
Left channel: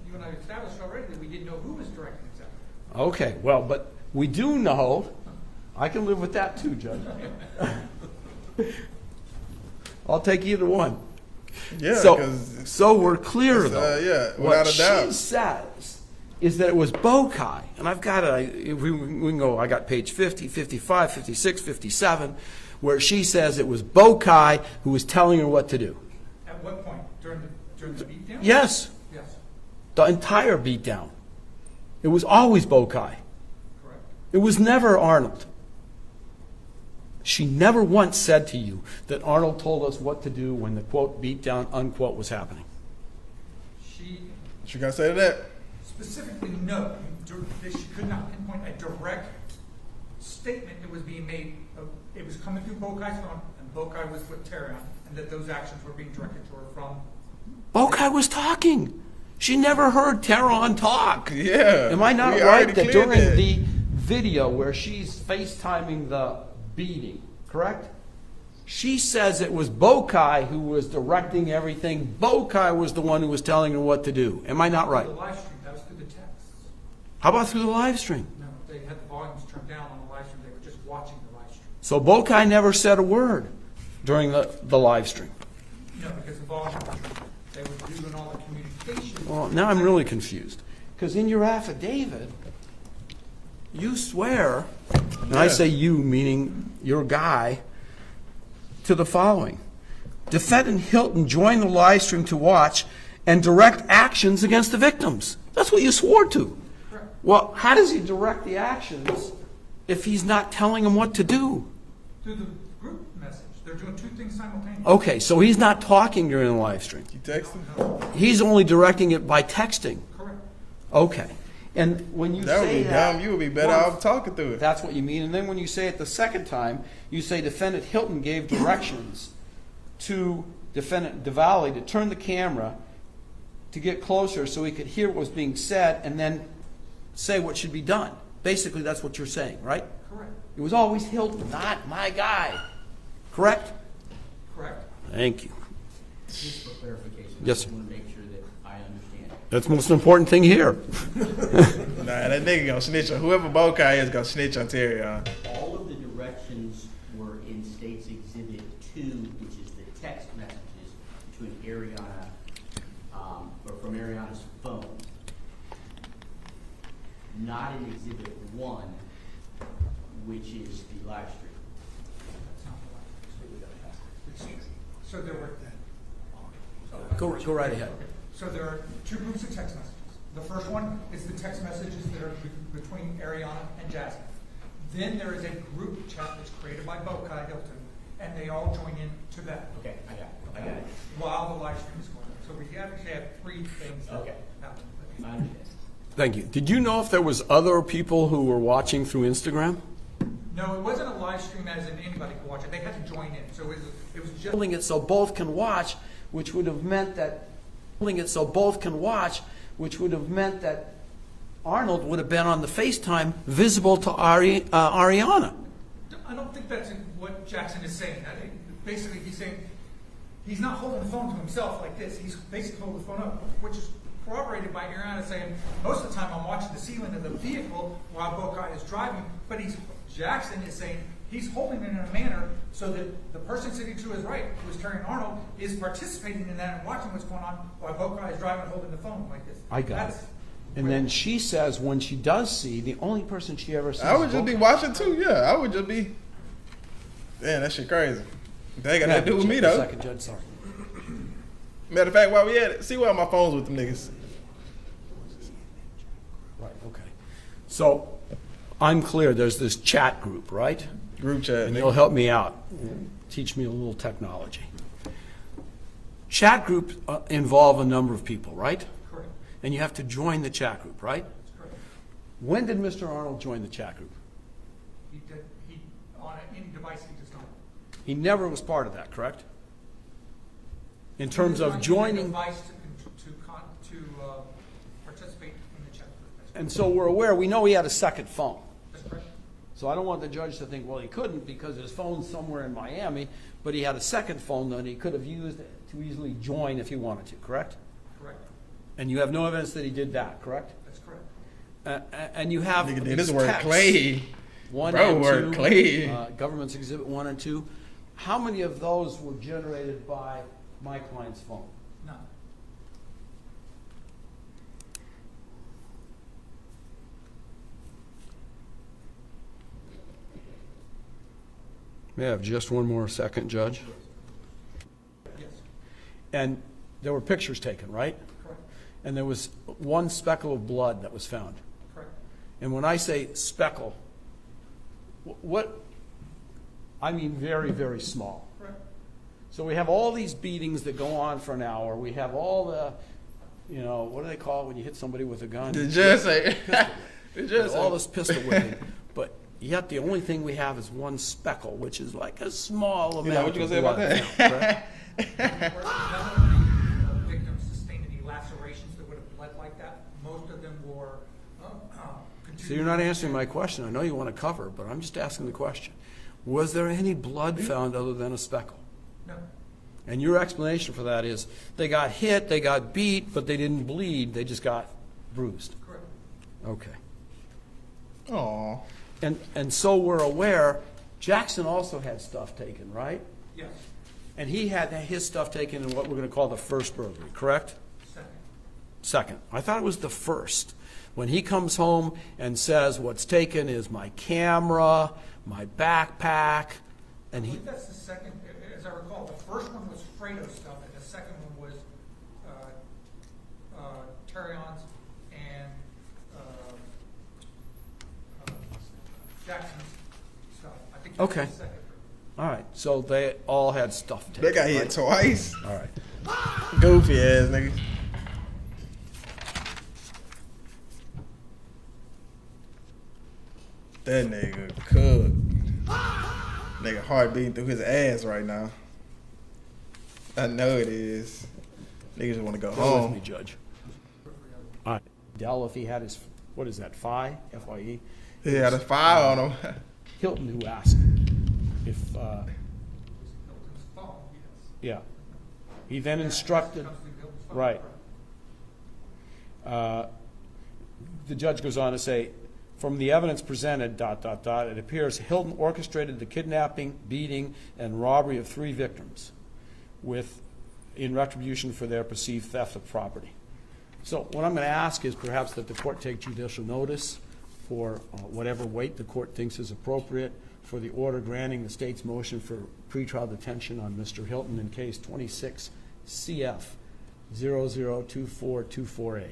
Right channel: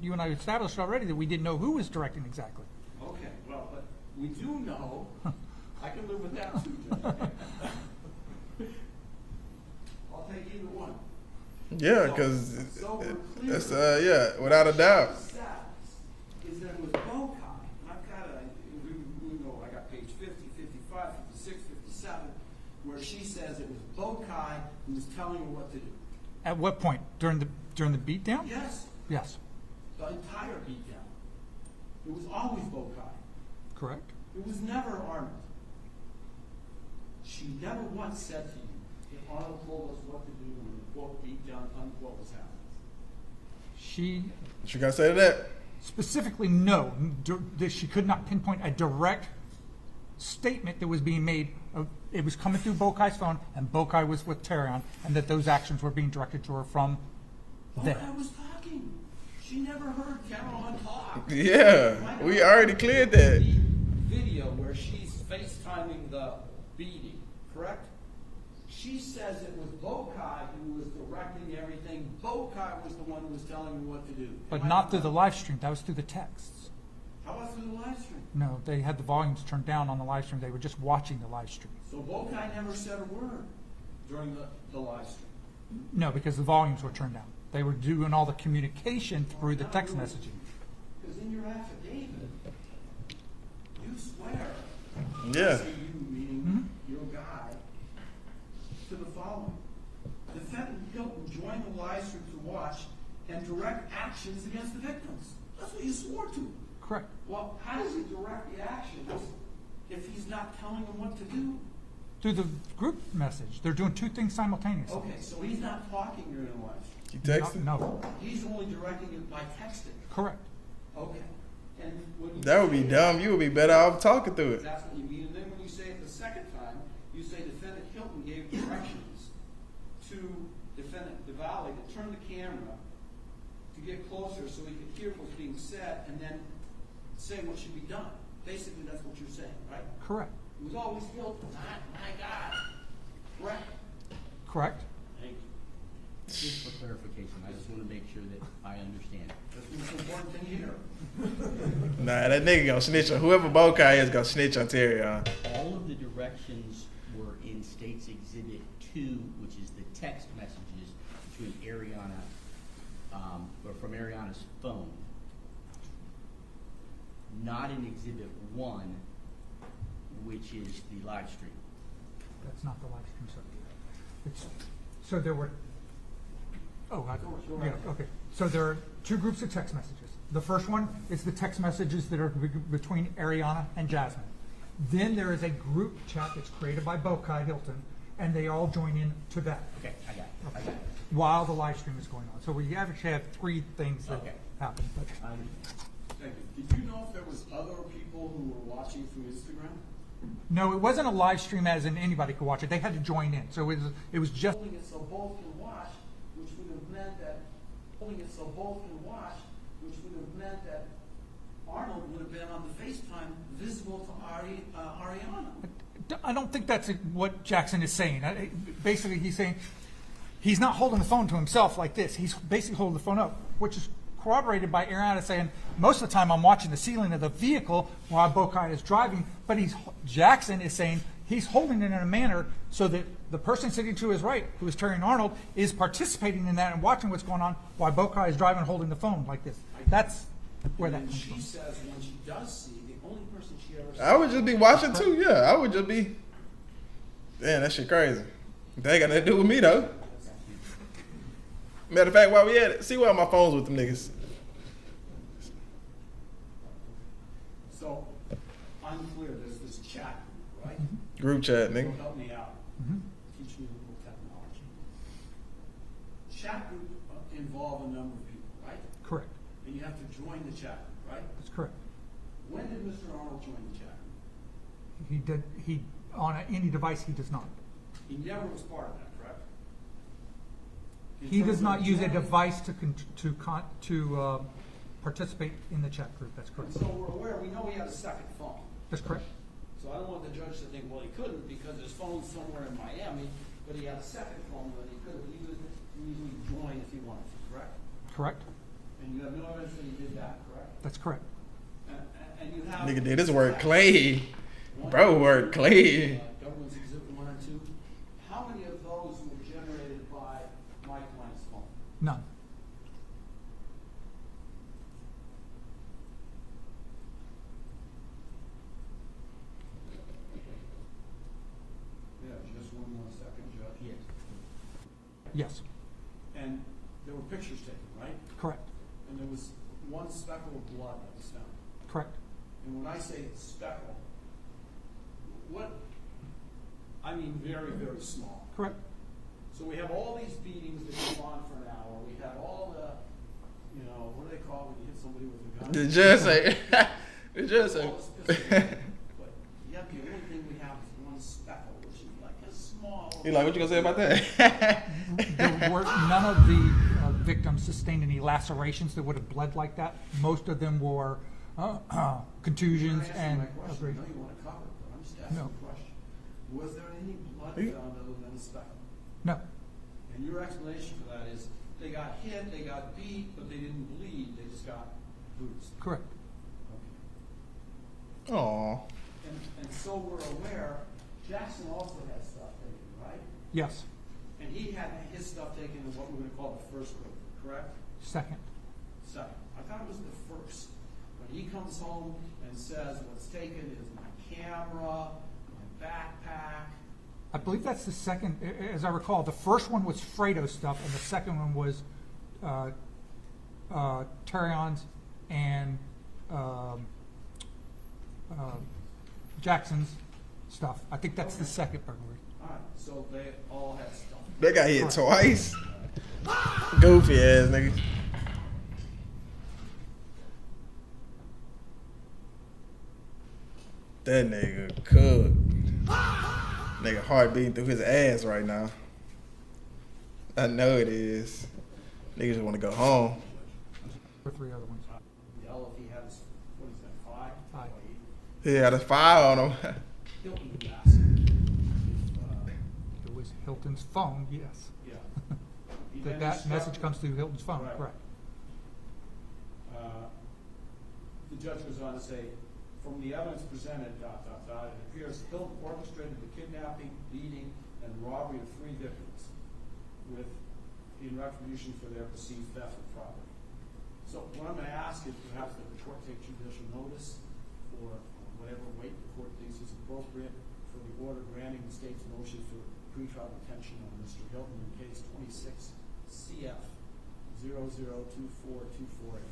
you and I established already that we didn't know who was directing exactly. Okay, well, but we do know, I can live with that too, Judge. I'll take either one. Yeah, So- because So we're clear, though. yeah, without a doubt. What she says is that it was Bokai, and I've got we can go, I got page 50, 55, 56, 57, where she says it was Bokai who was telling her what to do. At what point? During the beatdown? Yes, Yes, the entire beatdown. It was always Bokai. correct. It was never Arnold. She never once said to you that Arnold told us what to do when the quote beatdown unquote was happening. She What you gotta say to that? specifically, no, she could not pinpoint a direct statement that was being made. It was coming through Bokai's phone, and Bokai was with Terrion, and that those actions were being directed to her from. Bokai was talking. She never heard Terrion talk. Yeah. Am I not We right already that cleared during that. the video where she's FaceTiming the beating, correct? She says it was Bokai who was directing everything. Bokai was the one who was telling her what to do. Am I not through right? the live stream. That was through the texts. How about through the live stream? No, they had the volumes turned down on the live stream. They were just watching the live stream. So Bokai never said a word during the live stream. No, because the volumes were turned down. They were doing all the communication. Well, through now the I'm text really message. confused. Because in your affidavit, you swear, and I Yeah. say you, meaning your guy, to the following. Defendant Hilton joined the live stream to watch and direct actions against the victims. That's what you swore to. Correct. Well, how does he direct the actions if he's not telling them what to do? Through the group message. They're doing two things simultaneously. Okay, so he's not talking during the live stream. You texting? No, He's only directing it by texting. correct. Okay. And when you That would say be dumb. You would be better off talking through it. That's what you mean. And then when you say it the second time, you say defendant Hilton gave directions to defendant DeValley to turn the camera to get closer so he could hear what was being said and then say what should be done. Basically, that's what you're saying, right? Correct. It was always Hilton, not my guy. Correct? Correct. Thank you. Just for clarification. Yes, I sir. want to make sure that I understand. That's the most important thing here. Nah, that nigga gonna snitch on whoever Bokai is gonna snitch on Terrion. All of the directions were in State's Exhibit 2, which is the text messages to an Ariana, or from Ariana's phone. Not in Exhibit 1, which is the live stream. That's not the live stream. So there were. Oh, Go right ahead. Okay. So there are two groups of text messages. The first one is the text messages that are between Ariana and Jasmine. Then there is a group chat that's created by Bokai Hilton, and they all join in to that Okay, I got it. while the live stream is going on. So we actually have three things that Okay. happen. I understand. Thank you. Did you know if there was other people who were watching through Instagram? No, it wasn't a live stream as in anybody could watch it. They had to join in. So it was just. Holding it so both can watch, which would have meant that Arnold would have been on the FaceTime visible to Ariana. I don't think that's what Jackson is saying. Basically, he's saying he's not holding the phone to himself like this. He's basically holding the phone up, which is corroborated by Ariana saying, most of the time I'm watching the ceiling of the vehicle while Bokai is driving, but Jackson is saying he's holding it in a manner so that the person sitting to his right, who is Terrion Arnold, is participating in that and watching what's going on while Bokai is driving holding the phone like this. I got That's it. where And then that- she says when she does see, the only person she ever sees. I would just be watching too. Yeah, I would just be. Damn, that shit crazy. That ain't got nothing to do with me though. Second, Judge, sorry. Matter of fact, while we at it, see why my phone's with them niggas. Right, okay. So I'm clear, there's this chat group, right? Group chat, And you'll nigga. help me out, teach me a little technology. Chat groups involve a number of people, right? correct. And you have to join the chat group, right? That's correct. When did Mr. Arnold join the chat group? He on any device he does not. He never was part of that, correct? In He terms does of not use a joining, device to participate in the chat group. That's and correct. so we're aware, we know he had a second phone. That's correct. So I don't want the judge to think, well, he couldn't because his phone's somewhere in Miami, but he had a second phone that he could have used to easily join if he wanted to, correct? Correct? And you have no evidence that he did that, correct? That's correct. And you have Nigga did his work text, clay. 1 Bro, and work 2, clay. Government's Exhibit 1 and 2. How many of those were generated by my client's phone? None. May I have just one more second, Judge? Yes, And there were pictures taken, right? correct, And there was one speckle of blood that was found. correct. And when I say speckle, what, I mean very, very small. Correct. So we have all these beatings that go on for an hour. We have all the, what do they call it when you hit somebody with a gun? The judge say. The judge All say. this pistol whipping. But yet the only thing we have is one speckle, which is like a small amount. You like, what you gonna say about of that? None of the victims sustained any lacerations that would have bled like that. Most of them were So contusions. you're not answering and- my question. I know you want to cover, but I'm just asking No. the question. Was there any blood found other than a speckle? No, And your explanation for that is they got hit, they got beat, but they didn't bleed. They just got bruised. correct. Okay. Aw. And so we're aware, Jackson also had stuff taken, right? Yes, And he had his stuff taken in what we're going to call the first burglary, correct? second. Second. I thought it was the first. When he comes home and says, what's taken is my camera, my backpack. I believe that's the second, as I recall. The first one was Fredo's stuff, and the second one was Terrion's and Jackson's stuff. I think that's Okay. the second burglary. All right, so they all had stuff taken. They got hit twice. All right. Goofy ass nigga. That nigga cooked. Nigga heart beating through his ass right now. I know it is. Niggas just want to go home. Judge. Or three other ones. All right. Dell, if he had his, what is that, Phi? F-I-E? He had a fire on him. Hilton who asked if, It was Hilton's phone, yes. yeah. He then That message instructed, comes through Hilton's phone, Right. correct. the judge goes on to say, from the evidence presented, it appears Hilton orchestrated the kidnapping, beating, and robbery of 3 victims in retribution for their perceived theft of property. So what I'm going to ask is perhaps that the court take judicial notice for whatever weight the court thinks is appropriate for the order granting the state's motion for pretrial detention on Mr. Hilton in case 26 CF 002424A.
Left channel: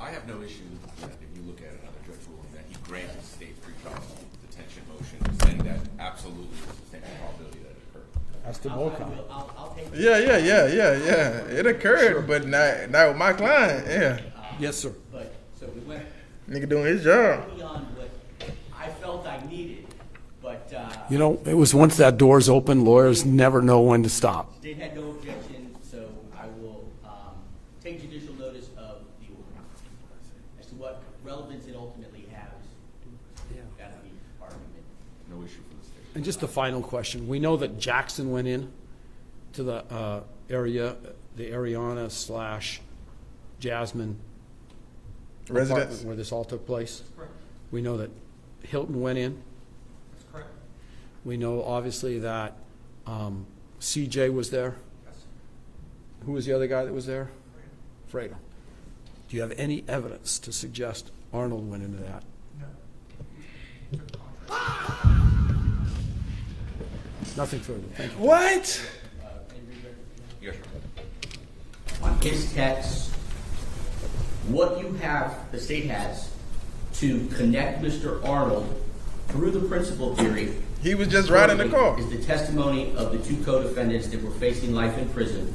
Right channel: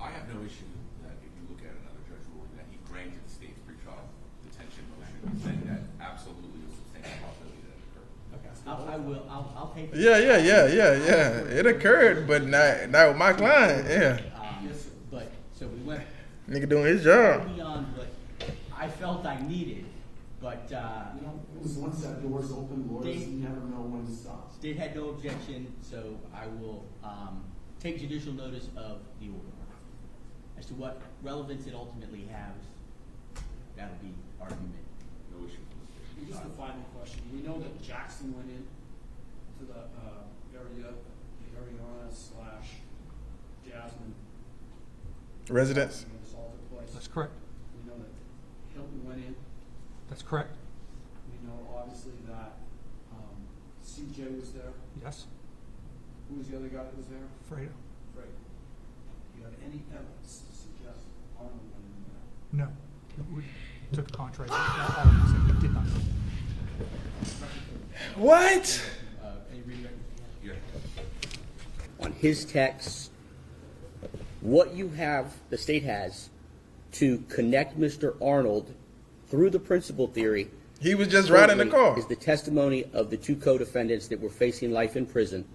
I have no issue that if you look at it, another judge ruling that he granted state pretrial detention motion, saying that absolutely was the same probability that it occurred. That's the I vote. will, I'll take. Yeah. It occurred, but not with my client. Yeah. Yes, sir. But, so we went Nigga doing his job. beyond what I felt I needed, but, You know, it was once that door's open, lawyers never know when to stop. state had no objection, so I will, take judicial notice of the order. As to what relevance it ultimately has, that'll be argument. No issue for the state. And just a final question. We know that Jackson went in to the area, the Ariana/Jasmine Residence. apartment where this all took place. That's correct. We know that Hilton went in. That's correct. We know obviously that CJ was there. Yes, Who was the other guy that was there? Fredo. Fredo. Do you have any evidence to suggest Arnold went into that? No. We took the contrary. He did not. Nothing further. Thank you. What? On his text, what you have, the state has, to connect Mr. Arnold through the principal theory. He was just riding the car. Is the testimony of the 2 co-defendants that were facing life in prison,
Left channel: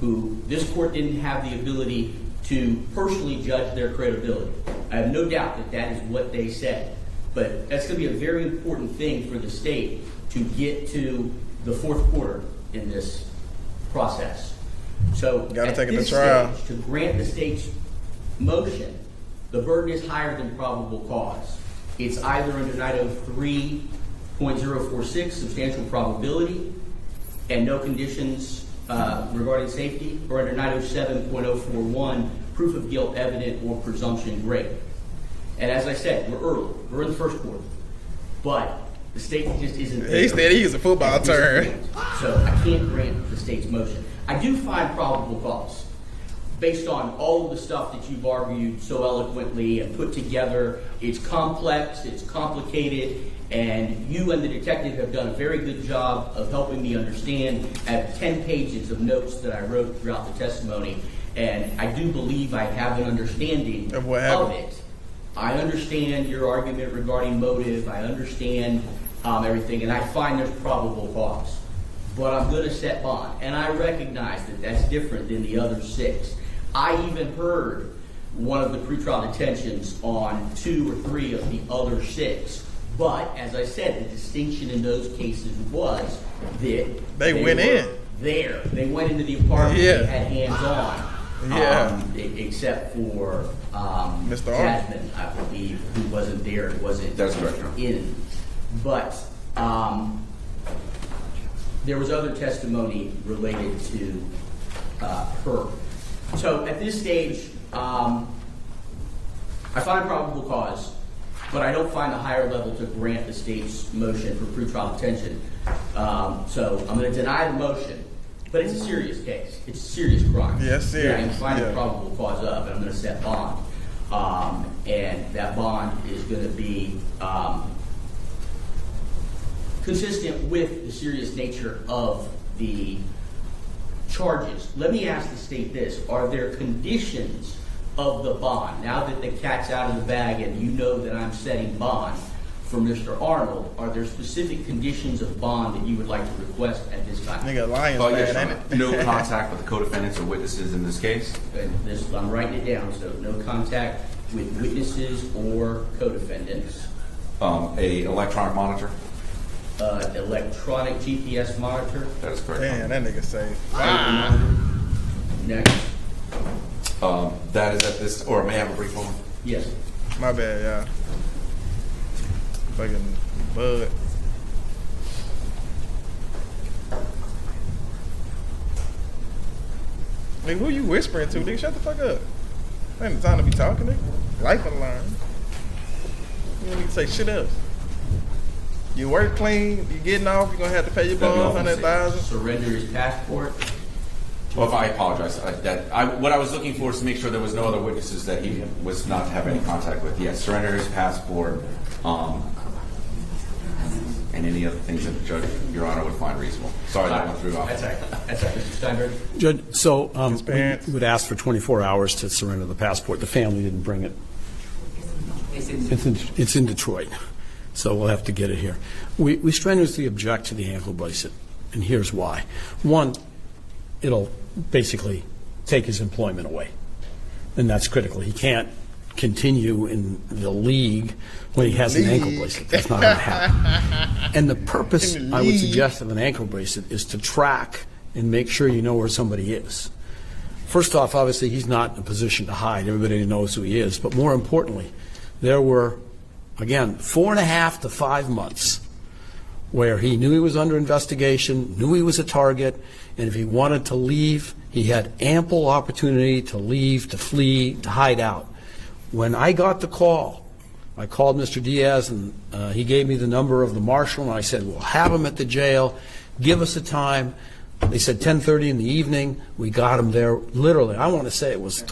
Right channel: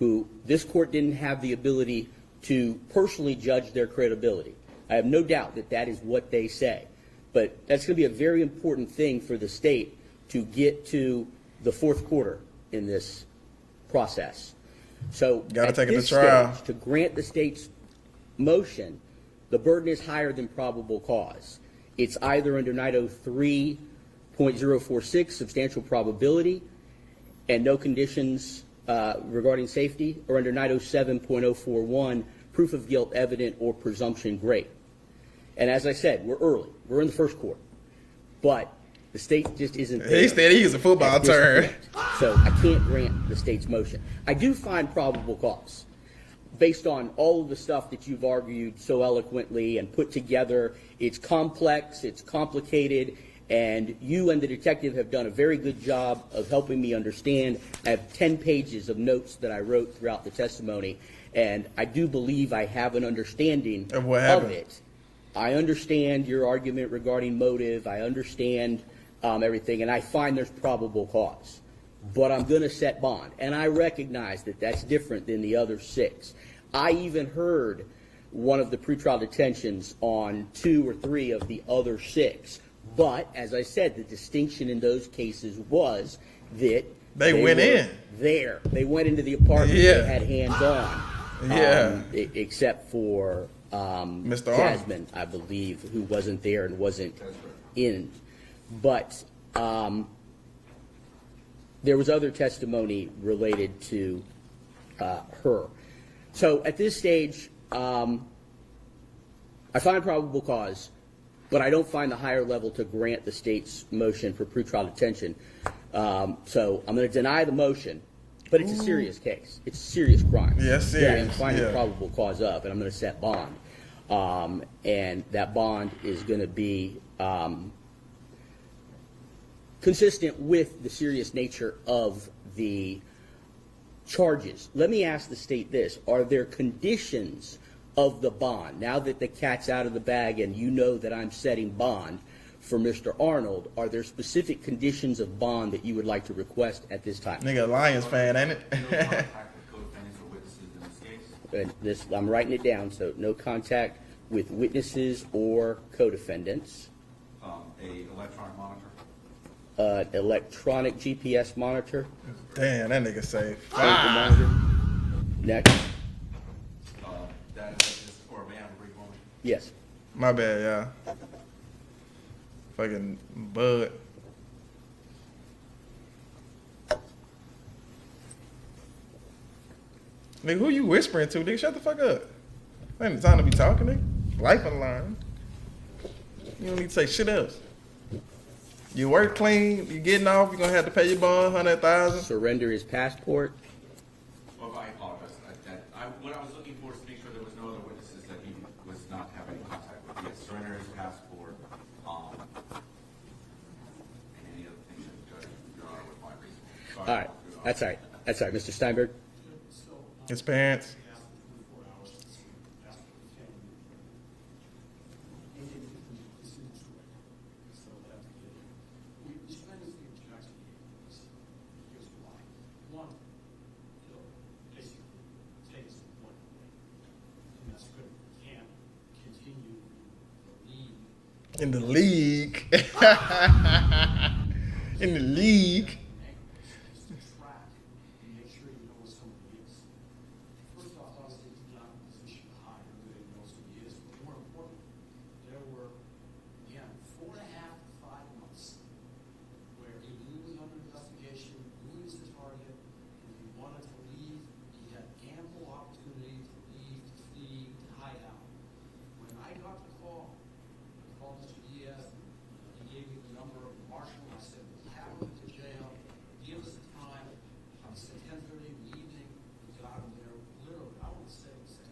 who this court didn't have the ability to personally judge their credibility. I have no doubt that that is what they said. But that's going to be a very important thing for the state to get to the 4th quarter in this process. So Gotta at take it to this trial. stage, to grant the state's motion, the burden is higher than probable cause. It's either under 903.046, substantial probability, and no conditions regarding safety, or under 907.041, proof of guilt evident or presumption great. And as I said, we're early. We're in the first quarter. But the state just isn't there. He said he used a football term. So I can't grant the state's motion. I do find probable cause. Based on all of the stuff that you've argued so eloquently and put together, it's complex, it's complicated, and you and the detective have done a very good job of helping me understand. I have 10 pages of notes that I wrote throughout the testimony, and I do believe I have an understanding Of what happened. it. I understand your argument regarding motive. I understand everything, and I find there's probable cause. But I'm going to set bond, and I recognize that that's different than the other 6. I even heard one of the pretrial detentions on 2 or 3 of the other 6. But, as I said, the distinction in those cases was that They went were in. there. They went into the apartment. Yeah. They had hands on. Yeah. Except for Mr. Arnold. Jasmine, I believe, who wasn't there and wasn't That's correct, Your Honor. in. But there was other testimony related to her. So at this stage, I find probable cause, but I don't find the higher level to grant the state's motion for pretrial detention. So I'm going to deny the motion, but it's a serious case. It's a serious crime. Yeah, serious. I find Yeah. the probable cause of, and I'm going to set bond. And that bond is going to be consistent with the serious nature of the charges. Let me ask the state this. Are there conditions of the bond? Now that the cat's out of the bag and you know that I'm setting bond for Mr. Arnold, are there specific conditions of bond that you would like to request at this time? Nigga, Lions Oh, yes, fan, Your ain't Honor. it? No contact with the co-defendants or witnesses in this case. I'm writing it down, so no contact with witnesses or co-defendants. A electronic monitor. Electronic GPS monitor. That is correct. Damn, that nigga say Next. That is at this, or may I have a brief moment? Yes. My bad, y'all. Fucking bud. Nigga, who you whispering to, nigga? Shut the fuck up. Ain't the time to be talking, nigga. Life on the line. You don't need to say shit else. You work clean, you getting off, you gonna have to pay your bond, 100,000. Surrender his passport. Well, if I apologize, what I was looking for is to make sure there was no other witnesses that he was not to have any contact with. Yes, surrender his passport, and any other things that the judge, Your Honor, would find reasonable. Sorry that went through. That's all right. That's all right, Mr. Steinberg. Judge, so His parents. we would ask for 24 hours to surrender the passport. The family didn't bring it. It's in Detroit, so we'll have to get it here. We strenuously object to the ankle bracelet, and here's why. One, it'll basically take his employment away, and that's critical. He can't continue in the league when he has an ankle bracelet. That's not gonna happen. And the purpose, In the I would league. suggest, of an ankle bracelet is to track and make sure you know where somebody is. First off, obviously, he's not in a position to hide. Everybody knows who he is. But more importantly, there were, again, 4.5 to 5 months where he knew he was under investigation, knew he was a target, and if he wanted to leave, he had ample opportunity to leave, to flee, to hide out. When I got the call, I called Mr. Diaz, and he gave me the number of the marshal, and I said, we'll have him at the jail. Give us a time. They said 10:30 in the evening. We got him there literally. I want to say it was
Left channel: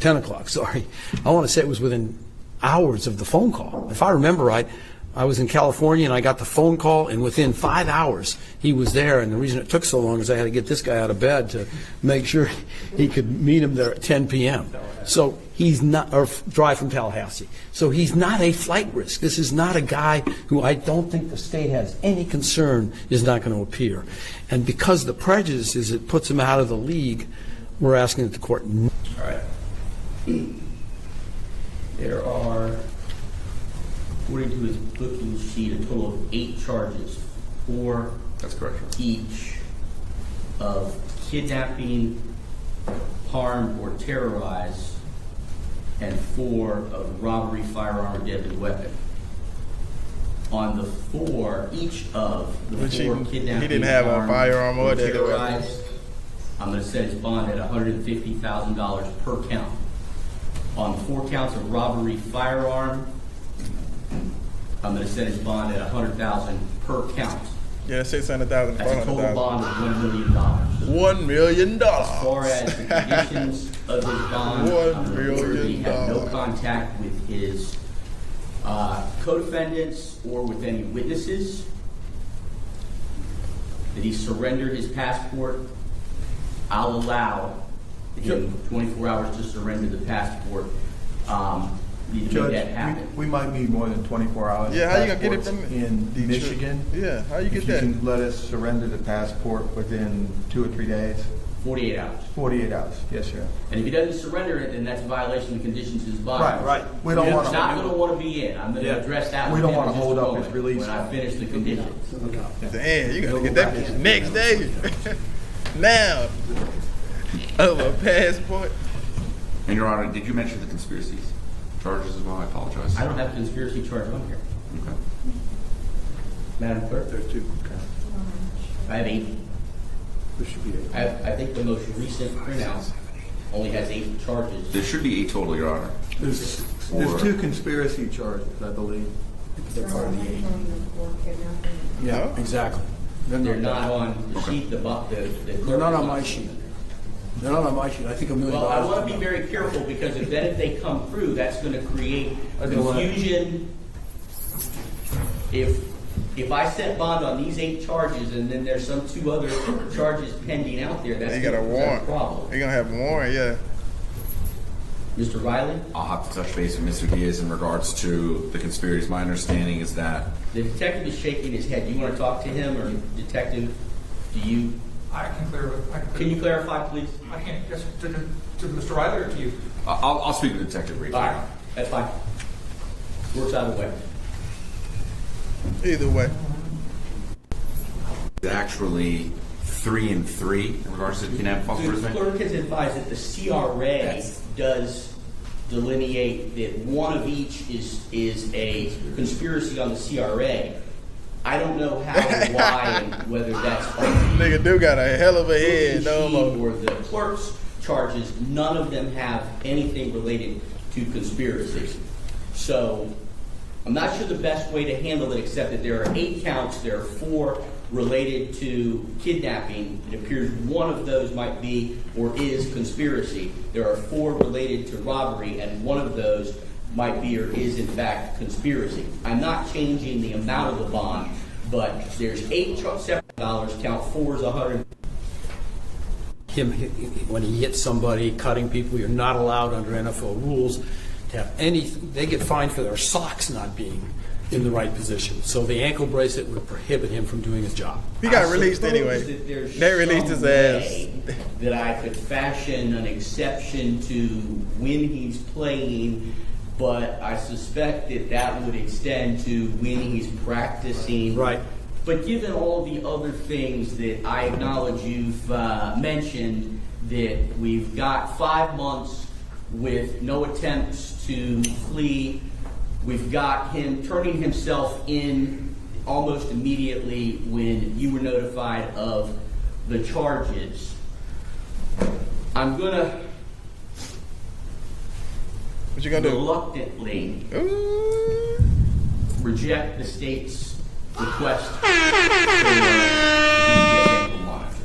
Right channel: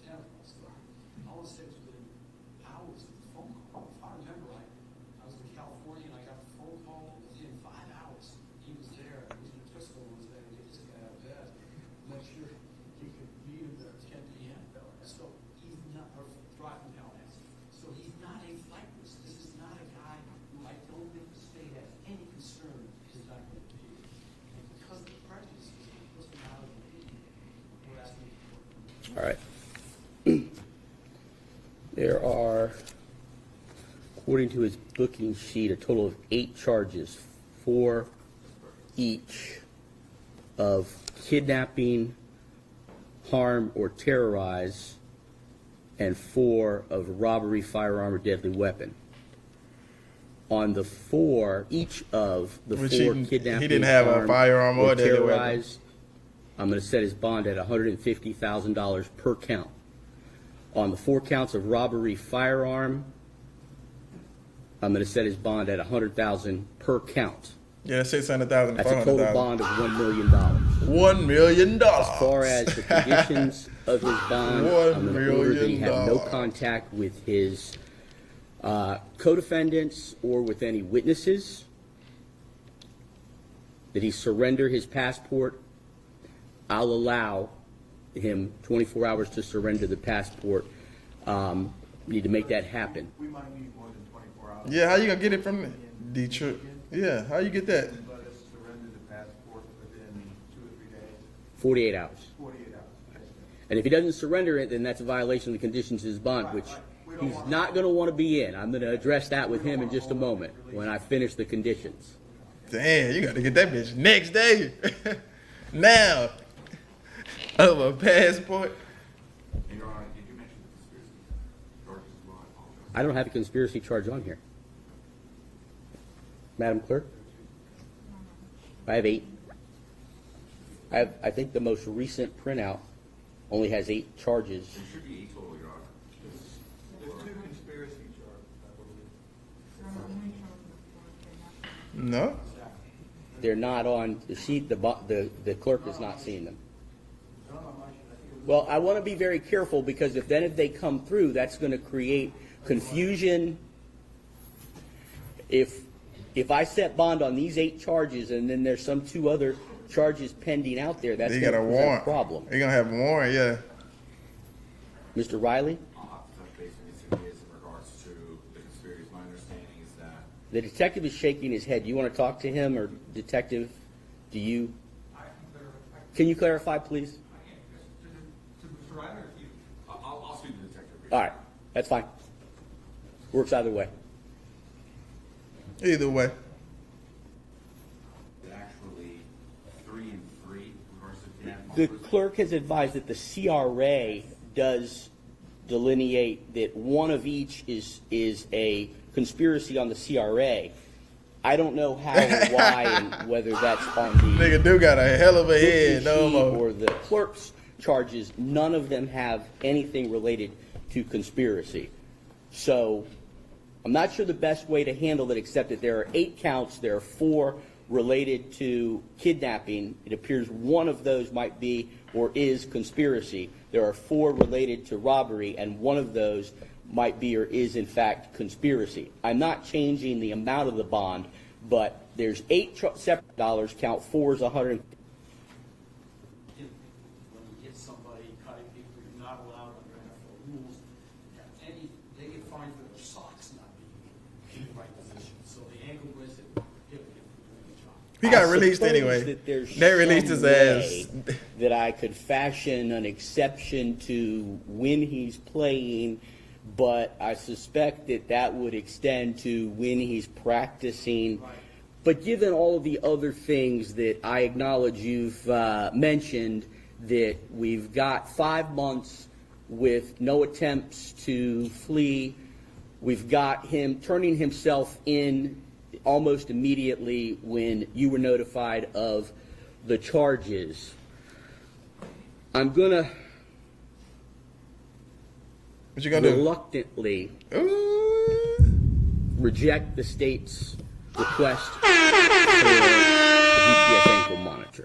10 o'clock, sorry. I want to say it was within hours of the phone call. If I remember right, I was in California and I got the phone call, and within 5 hours he was there. And the reason it took so long is I had to get this guy out of bed to make sure he could meet him there at 10 p.m. So he's not, or drive from Tallahassee. So he's not a flight risk. This is not a guy who I don't think the state has any concern is not going to appear. And because the prejudice is it puts him out of the league, we're asking that the court. All right. There are, according to his booking sheet, a total of 8 charges, 4 That's correct, Your Honor. each of kidnapping, harm, or terrorize, and 4 of robbery, firearm, or deadly weapon. on the four, each of the Which four he kidnapping. didn't have a armed, firearm or deadly weapon. terrorized, I'm gonna set his bond at $150,000 per count. On the 4 counts of robbery firearm, I'm gonna set his bond at $100,000 per count. Yeah, 600,000, That's a total 400,000. bond of $1 million. $1 million. As far as the conditions of his bond, $1 million. he had no contact with his co-defendants or with any witnesses. Did he surrender his passport? I'll allow him 24 hours to surrender the passport. Need to make Judge, that happen. We might need more than 24 hours. Yeah, how you gonna get it from In Detroit? Michigan. Yeah, how you get If that? can let us surrender the passport within 2 or 3 days, 48 hours. 48 hours, yes, sir. And if he doesn't surrender it, then that's a violation of the conditions of his bond. which We don't He's want not to, going to want to be in. I'm going to address that We with don't him in wanna just a hold up his moment release. when I finish the conditions. Damn, you gotta get that bitch next day. Now, of a passport. And Your Honor, did you mention the conspiracies charges as well? I apologize. I don't have a conspiracy charge on here. Okay. Madam Clerk? there's 2. I have 8. There should be 8. I think the most recent printout only has 8 charges. There should be 8 total, Your Honor. There's Or- 2 conspiracy charges, I believe. They're part of the eight. No? Exactly. They're not on the sheet, the clerk. They're not is on my seeing sheet. them. They're not on my sheet. I think $1 million. Well, I want to be very careful because if they come through, that's going to create A delay. confusion. If I set bond on these 8 charges and then there's some 2 other charges pending out there, that's He going got to a present a warrant. problem. He gonna have a warrant, yeah. Mr. Riley, I'll have to touch base with Mr. Diaz in regards to the conspiracies. My understanding is that the detective is shaking his head. You want to talk to him, or detective? Do you? I can clear it. Can you clarify, please? I can't, yes, to Mr. Riley or to you? I'll speak to the detective briefly. All right, that's fine. Works either way. Either way. It's actually 3 and 3 in regards to the kidnapping false The imprisonment. clerk has advised that the CRA does delineate that one of each is a conspiracy on the CRA. I don't know how and why and whether that's on the Nigga do got a hell of a head, no more. or the clerk's charges. None of them have anything related to conspiracy. So I'm not sure the best way to handle it, except that there are 8 counts. There are 4 related to kidnapping. It appears one of those might be or is conspiracy. There are 4 related to robbery, and one of those might be or is in fact conspiracy. I'm not changing the amount of the bond, but there's 8 separate dollars. Count 4 is 100. When he hits somebody, cutting people, you're not allowed under NFL rules to have any, they get fined for their socks not being in the right position. So the ankle bracelet would prohibit him from doing his job. He got I released suppose anyway. that there's They released his some ass. way that I could fashion an exception to when he's playing, but I suspect that would extend to when he's practicing. Right. But given all the other things that I acknowledge you've mentioned, that we've got 5 months with no attempts to flee, we've got him turning himself in almost immediately when you were notified of the charges. I'm gonna What you gonna do? reluctantly Ooh. reject the state's request for the GPS ankle monitor.